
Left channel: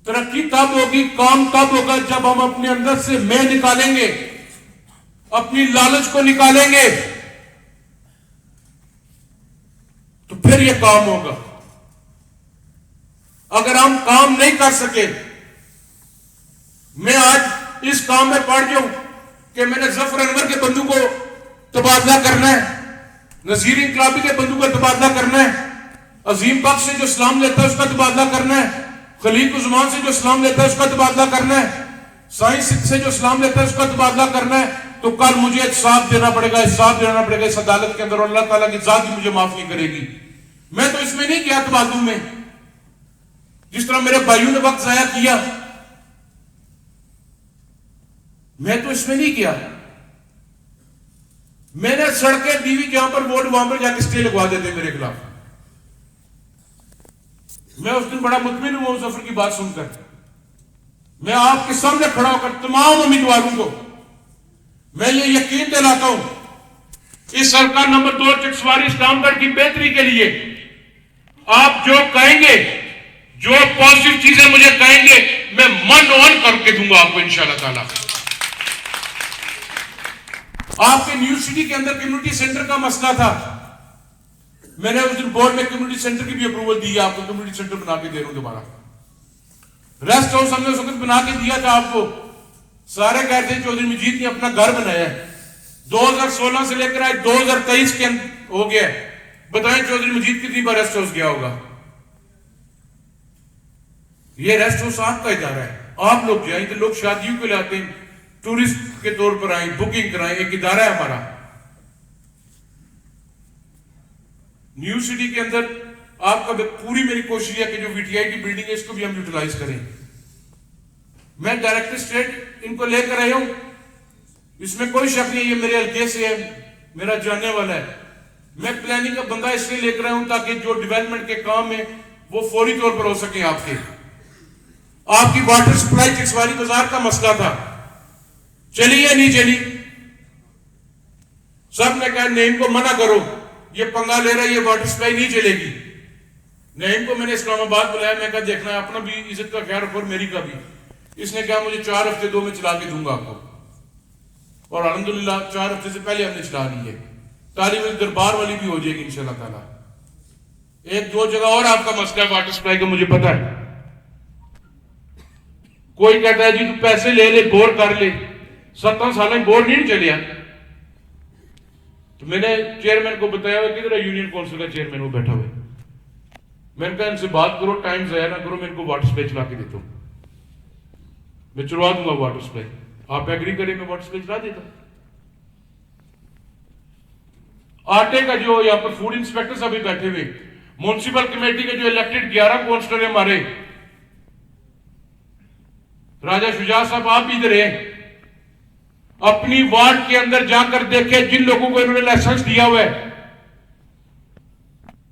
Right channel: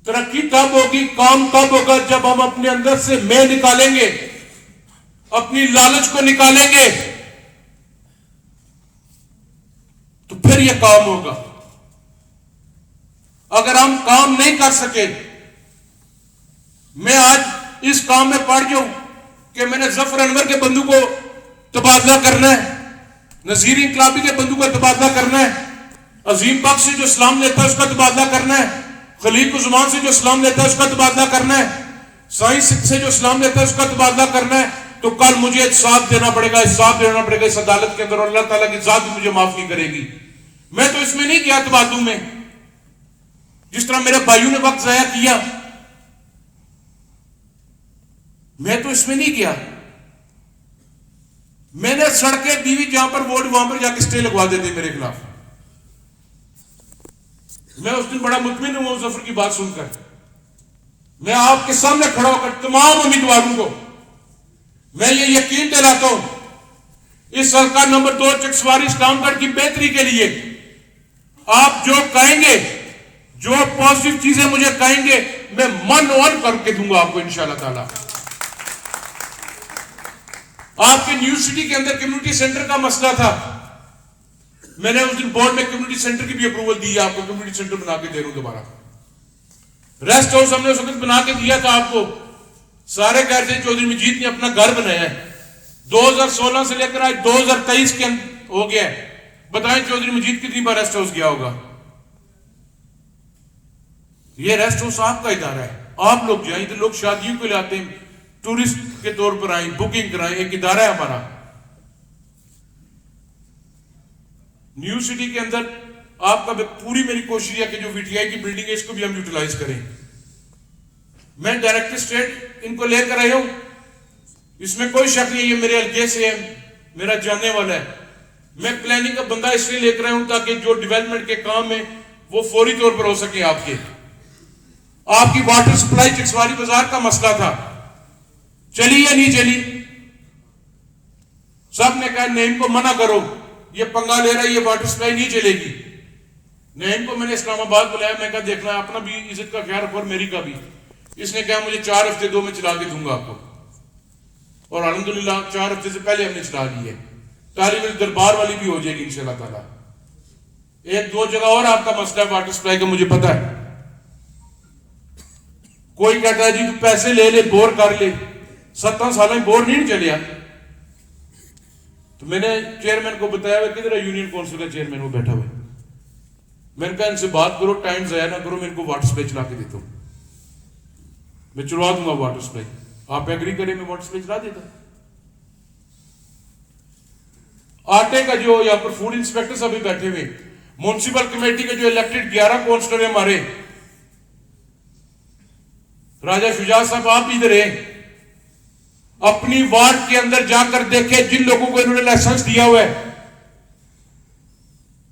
तरक्की तब होगी, काम तब होगा जब हम अपने अंदर से मैं निकालेंगे, अपनी लालच को निकालेंगे, तो फिर यह काम होगा। अगर हम काम नहीं कर सके, मैं आज इस काम में पड़ जाऊं कि मैंने जफर अनवर के बंधु को तबादला करना है, नजीर इनकलाबी के बंधु को तबादला करना है, अजीम बख्श से जो इस्लाम लेता है उसका तबादला करना है, खलील कुज़मान से जो इस्लाम लेता है उसका तबादला करना है, साइंस से जो इस्लाम लेता है उसका तबादला करना है, तो कल मुझे इंसाफ देना पड़ेगा, इंसाफ देना पड़ेगा इस अदालत के अंदर, और अल्लाह ताला की जात भी मुझे माफ नहीं करेगी। मैं तो इसमें नहीं किया तबादुल में, जिस तरह मेरे भाइयों ने वक्त ज़ाया किया, मैं तो इसमें नहीं किया। मैंने सड़कें दी हुई, जहां पर वोट वहां पर जाके स्टे लगवा देते मेरे खिलाफ। मैं उस दिन बड़ा मुतमिन हुआ जफर की बात सुनकर, मैं आपके सामने खड़ा होकर तमाम उम्मीदवारों को मैं ये यकीन दिलाता हूं, इस हल्का नंबर 2 चकसवारी इस्लामगढ़ की बेहतरी के लिए आप जो कहेंगे, जो पॉजिटिव चीजें मुझे कहेंगे, मैं मन ऑन करके दूंगा आपको इंशाल्लाह ताला। आपके न्यू सिटी के अंदर कम्युनिटी सेंटर का मसला था, मैंने उस दिन बोर्ड में कम्युनिटी सेंटर की भी अप्रूवल दी है, आपको कम्युनिटी सेंटर बना के दे रहा हूं दोबारा। रेस्ट हाउस हमने उस वक्त बना के दिया था आपको, सारे कहते हैं चौधरी मजीद ने अपना घर बनाया है। 2016 से लेकर आज 2023 के हो गया, बताएं चौधरी मजीद कितनी बार रेस्ट हाउस गया होगा? ये रेस्ट हाउस आपका इदारा है, आप लोग जाए, तो लोग शादियों के लिए आते हैं, टूरिस्ट के तौर पर आए, बुकिंग कराएं, एक इदारा है हमारा। न्यू सिटी के अंदर आपका पूरी मेरी कोशिश है कि जो वीटीआई की बिल्डिंग है इसको भी हम यूटिलाइज करें। मैं डायरेक्टर स्टेट इनको लेकर आया हूं, इसमें कोई शक नहीं, ये मेरे हल्के से है, मेरा जानने वाला है। मैं प्लानिंग का बंदा इसलिए लेकर आया हूं ताकि जो डेवलपमेंट के काम में वो फौरी तौर पर हो सके। आपकी वाटर सप्लाई चकसवारी बाजार का मसला था, चली या नहीं चली? सब ने कहा नहीं, इनको मना करो, ये पंगा ले रहा है, ये वाटर सप्लाई नहीं चलेगी। नहीं, इनको मैंने इस्लामाबाद बुलाया, मैं कहा देखना अपना भी इज्जत का ख्याल रखो और मेरी का भी। इसने कहा मुझे 4 हफ्ते दो, मैं चला के दूंगा आपको, और अल्हम्दुलिल्लाह 4 हफ्ते से पहले हमने चला दी है। तारीफ दरबार वाली भी हो जाएगी इंशाल्लाह ताला। 1-2 जगह और आपका मसला है वाटर सप्लाई का, मुझे पता है। कोई कहता है जी तू पैसे ले ले, बोर कर ले, 17 साल में बोर नहीं चलिया। तो मैंने चेयरमैन को बताया हुआ, किधर है यूनियन काउंसिल का चेयरमैन, वो बैठा हुआ। मैंने कहा इनसे बात करो, टाइम जाया ना करो, मेरे को वाटर सप्लाई चला के देता हूं, मैं चलवा दूंगा वाटर सप्लाई, आप एग्री करें मैं वाटर सप्लाई चला देता हूं। आटे का जो यहाँ पर फूड इंस्पेक्टर सभी बैठे हुए, म्युनिसिपल कमेटी के जो इलेक्टेड 11 काउंसलर है हमारे, राजा शुजा साहब आप इधर है, अपनी वार्ड के अंदर जाकर देखे जिन लोगों को इन्होंने लाइसेंस दिया हुआ है।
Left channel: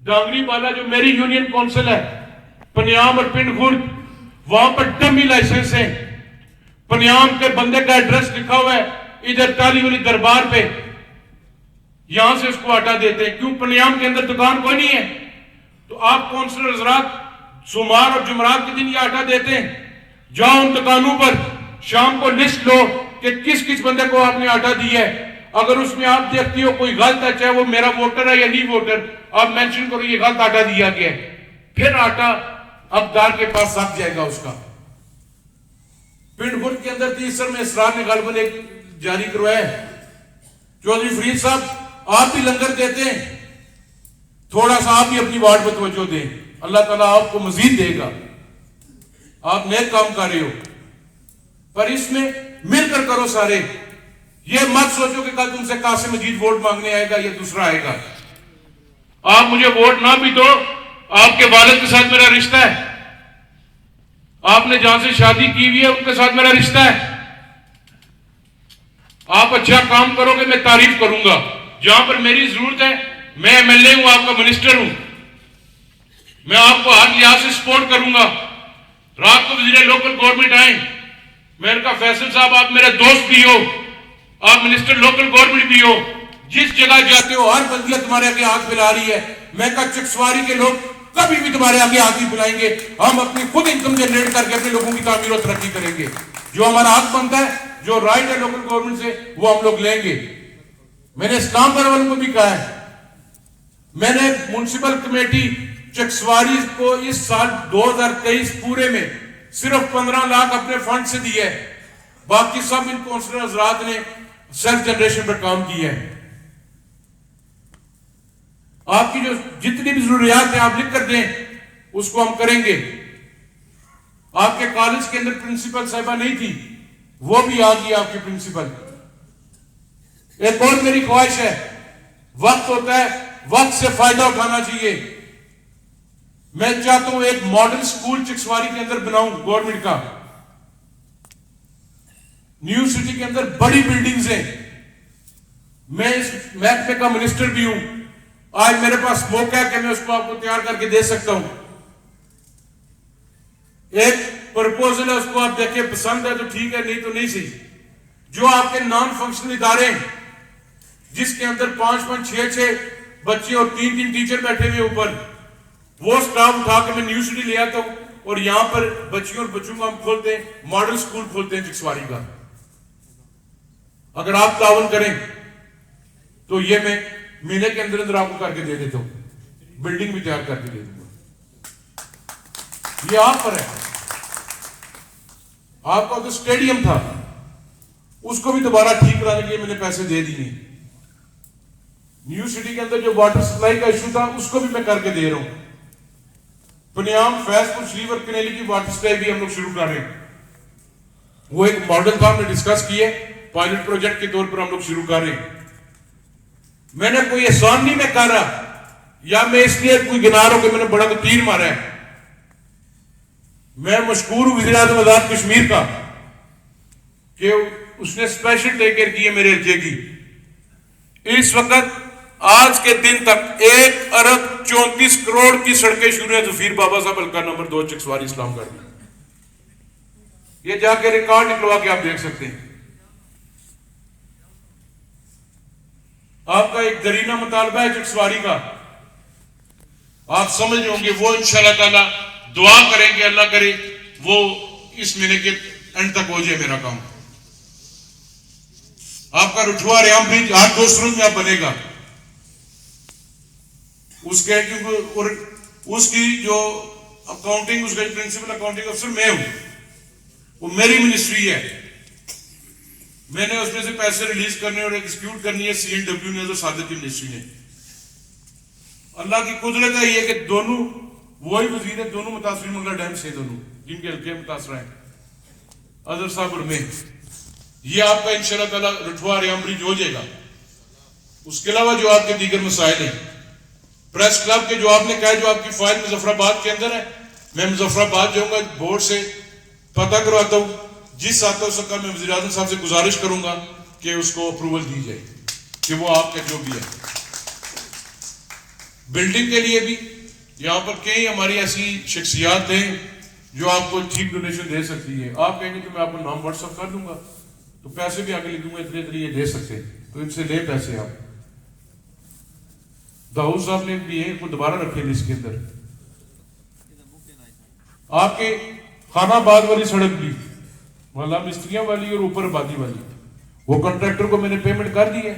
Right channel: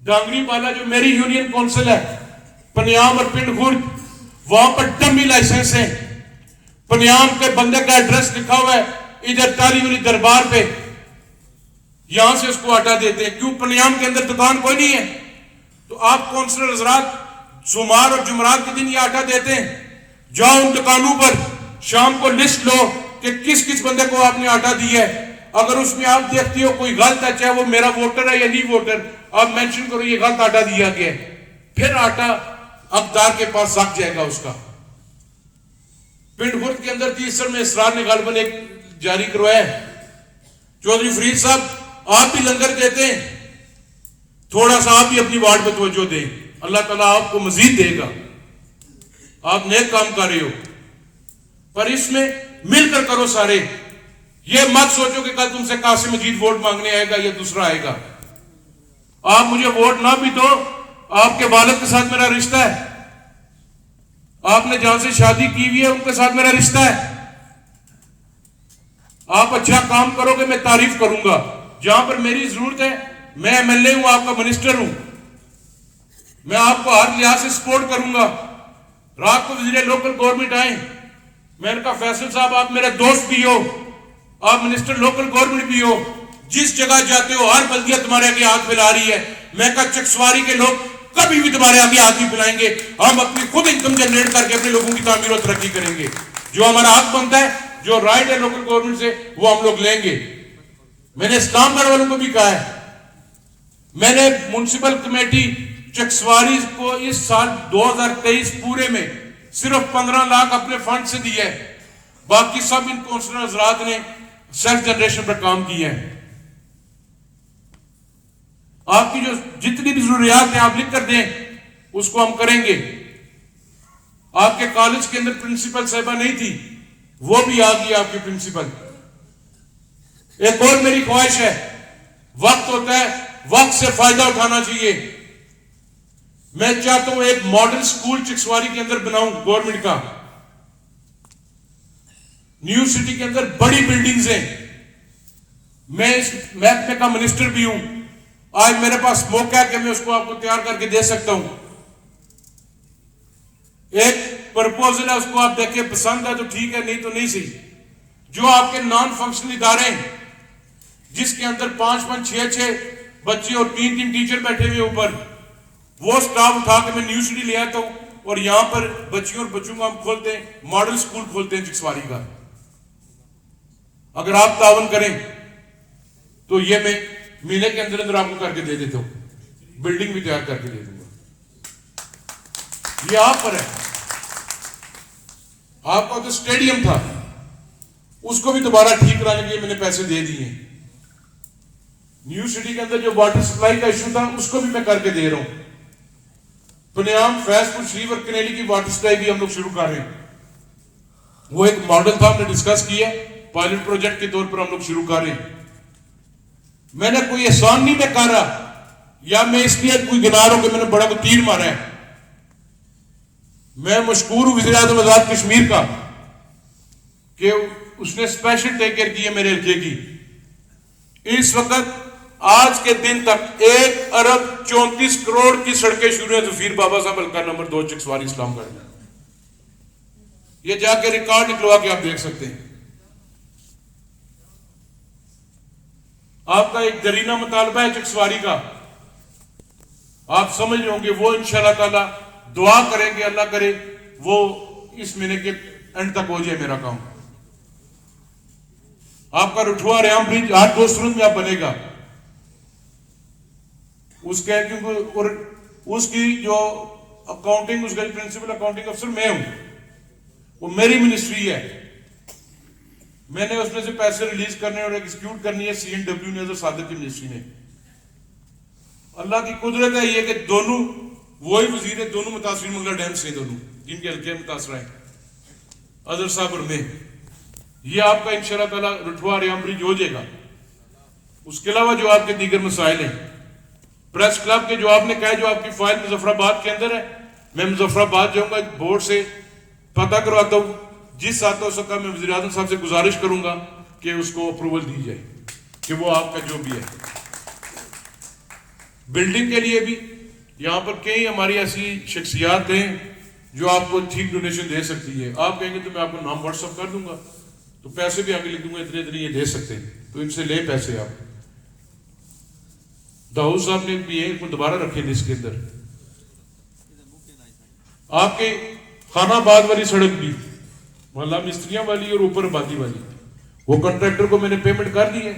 डांगरी वाला जो मेरी यूनियन काउंसिल है, पनियाम और पिंड खुर्द, वहां पर डमी लाइसेंस है। पनियाम के बंदे का एड्रेस लिखा हुआ है इधर ताली वाली दरबार पे, यहां से उसको हटा देते हैं। क्यों? पनियाम के अंदर दुकान कोई नहीं है। तो आप काउंसलर हजरात सोमवार और जुमरात के दिन ये हटा देते हैं। जाओ उन दुकानों पर, शाम को लिस्ट लो कि किस किस बंदे को आपने आटा दिया है। अगर उसमें आप देखती हो कोई गलत है, चाहे वो मेरा वोटर है या नहीं वोटर, आप मेंशन करो ये गलत आटा दिया गया है, फिर आटा हकदार के पास सक जाएगा उसका। पिंड खुर्द के अंदर 30 में इसरार ने गालबन एक जारी करवाया है। चौधरी फरीद साहब आप भी लंगर देते हैं, थोड़ा सा आप भी अपनी वार्ड पर तवज्जो दें, अल्लाह ताला आपको मजीद देगा, आप नेक काम कर रहे हो। पर इसमें मिलकर करो सारे, ये मत सोचो कि कल तुमसे कासिम मजीद वोट मांगने आएगा या दूसरा आएगा। आप मुझे वोट ना भी दो, आपके वालिद के साथ मेरा रिश्ता है, आपने जहां से शादी की हुई है उनके साथ मेरा रिश्ता है। आप अच्छा काम करोगे मैं तारीफ करूंगा, जहां पर मेरी जरूरत है, मैं एमएलए हूं, आपका मिनिस्टर हूं, मैं आपको हर लिहाज से सपोर्ट करूंगा। रात को वजीर लोकल गवर्नमेंट आए, मैं उनका फैसल साहब आप मेरे दोस्त भी हो, आप मिनिस्टर लोकल गवर्नमेंट भी हो, जिस जगह जाते हो हर बल्दिया तुम्हारे आगे हाथ फैला रही है। मैं कहा चकसवारी के लोग कभी भी तुम्हारे आगे हाथ नहीं फैलाएंगे, हम अपनी खुद इनकम जनरेट करके अपने लोगों की तामीर और तरक्की करेंगे। जो हमारा हक बनता है, जो राइट है लोकल गवर्नमेंट से, वो हम लोग लेंगे। मैंने इस्लामगढ़ वालों को भी कहा है, मैंने म्युनिसिपल कमेटी चकसवारी को इस साल 2023 पूरे में सिर्फ 15 लाख अपने फंड से दिए है, बाकी सब इन काउंसलर हजरात ने सेल्फ जनरेशन पर काम किया है। आपकी जो जितनी भी जरूरियात है आप लिख कर दें, उसको हम करेंगे। आपके कॉलेज के अंदर प्रिंसिपल साहिबा नहीं थी, वो भी आ गई आपकी प्रिंसिपल। एक और मेरी ख्वाहिश है, वक्त होता है, वक्त से फायदा उठाना चाहिए। मैं चाहता हूं एक मॉडल स्कूल चकसवारी के अंदर बनाऊं गवर्नमेंट का। न्यू सिटी के अंदर बड़ी बिल्डिंग्स हैं, मैं इस महकमे का मिनिस्टर भी हूं, आज मेरे पास मौका है कि मैं उसको आपको तैयार करके दे सकता हूं। एक प्रपोजल है उसको आप देखें, पसंद है तो ठीक है, नहीं तो नहीं सही। जो आपके नॉन फंक्शनल इदारे हैं जिसके अंदर 5-5, 6-6 बच्चे और 3-3 टीचर बैठे हुए ऊपर, वो स्टाफ उठा के मैं न्यू सिटी ले आता हूं और यहां पर बच्चियों और बच्चों का हम खोलते हैं, मॉडल स्कूल खोलते हैं चिक्सवारी का। अगर आप ताउन करें तो ये मैं महीने के अंदर अंदर आपको करके दे देता हूं, बिल्डिंग भी तैयार करके दे दूंगा। ये आप पर है। आपका तो स्टेडियम था, उसको भी दोबारा ठीक कराने के लिए मैंने पैसे दे दिए। न्यू सिटी के अंदर जो वाटर सप्लाई का इश्यू था उसको भी मैं करके दे रहा हूं। पुनियाम, फैजपुर, शरीफ और कनेली की वाटर सप्लाई भी हम लोग शुरू कर रहे हैं। वो एक मॉडल था, हमने डिस्कस किया, पायलट प्रोजेक्ट के तौर पर हम लोग शुरू कर रहे हैं। मैंने कोई एहसान नहीं मैं कर रहा, या मैं इसलिए कोई गिनार हो कि मैंने बड़ा तीर मारा है। मैं मशहूर हूं वज़ीर आज़म आजाद कश्मीर का कि उसने स्पेशल टेक केयर की है मेरे हल्के की। इस वक्त आज के दिन तक 1 अरब 34 करोड़ की सड़कें शुरू है जफीर बाबा साहब हल्का नंबर 2 चिक्सवारी इस्लामगढ़ में। ये जाके रिकॉर्ड निकलवा के आप देख सकते हैं। आपका एक दरीना मुतालबा है चिक्सवारी का, आप समझ रहे होंगे, वो इंशाल्लाह ताला दुआ करेंगे, अल्लाह करे वो इस महीने के एंड तक हो जाए मेरा काम। आपका रुठुआ रेम ब्रिज हर 2 रोज में आप बनेगा। उसके और उसकी जो अकाउंटिंग, उसका प्रिंसिपल अकाउंटिंग अफसर मैं हूं, वो मेरी मिनिस्ट्री है। मैंने उसमें से पैसे रिलीज करने और एग्जीक्यूट करनी है CNW ने, तो सादत मिनिस्ट्री ने। अल्लाह की कुदरत है ये कि दोनों वही वजीर है, दोनों मुतासरीन मंगला डैम से, दोनों जिनके हल्के मुतासर हैं, अजहर साहब और मैं। ये आपका इंशाल्लाह ताला रुठवा रेम ब्रिज हो जाएगा। उसके अलावा जो आपके दीगर मसाइल हैं, प्रेस क्लब के जो आपने कहा, जो आपकी फाइल मुजफ्फराबाद के अंदर है, मैं मुजफ्फराबाद जाऊंगा, बोर्ड से पता करवाता हूं। जिस आते हो सका मैं वज़ीर आज़म साहब से गुजारिश करूंगा कि उसको अप्रूवल दी जाए, कि वो आपका जो भी है। बिल्डिंग के लिए भी यहां पर कई हमारी ऐसी शख्सियात हैं जो आपको ठीक डोनेशन दे सकती है। आप कहेंगे तो मैं आपको नाम व्हाट्सअप कर दूंगा, तो पैसे भी आगे लिख दूंगा, इतने इतने ये दे सकते हैं, तो इनसे ले पैसे। आप दाऊद साहब ने भी है, दोबारा रखे लिस्ट के अंदर। आपके खानाबाद वाली सड़क भी, मोहल्ला मिस्त्रियां वाली और ऊपर आबादी वाली, वो कॉन्ट्रैक्टर को मैंने पेमेंट कर दी है।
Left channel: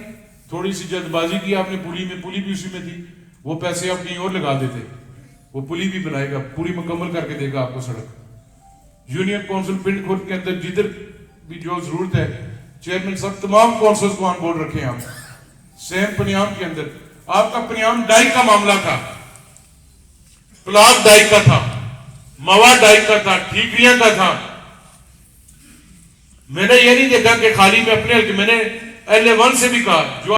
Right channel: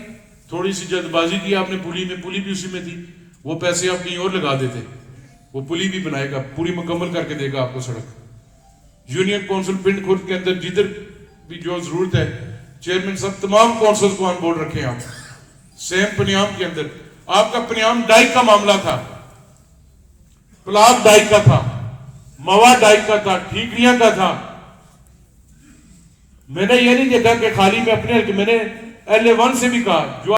थोड़ी सी जल्दबाजी की आपने, पुली में, पुली भी उसी में थी, वो पैसे आप कहीं और लगा देते, वो पुली भी बनाएगा, पूरी मुकम्मल करके देगा आपको सड़क। यूनियन काउंसिल पिंड खुर्द के अंदर जिधर भी जो जरूरत है, चेयरमैन साहब तमाम काउंसिल को ऑन बोर्ड रखे आप। सेम पनियाम के अंदर आपका पनियाम डाई का मामला था, प्लाट डाई का था, मवा डाई का था, ठीकरियां का था। मैंने ये नहीं देखा कि खाली में अपने, मैंने LA1 से भी कहा, जो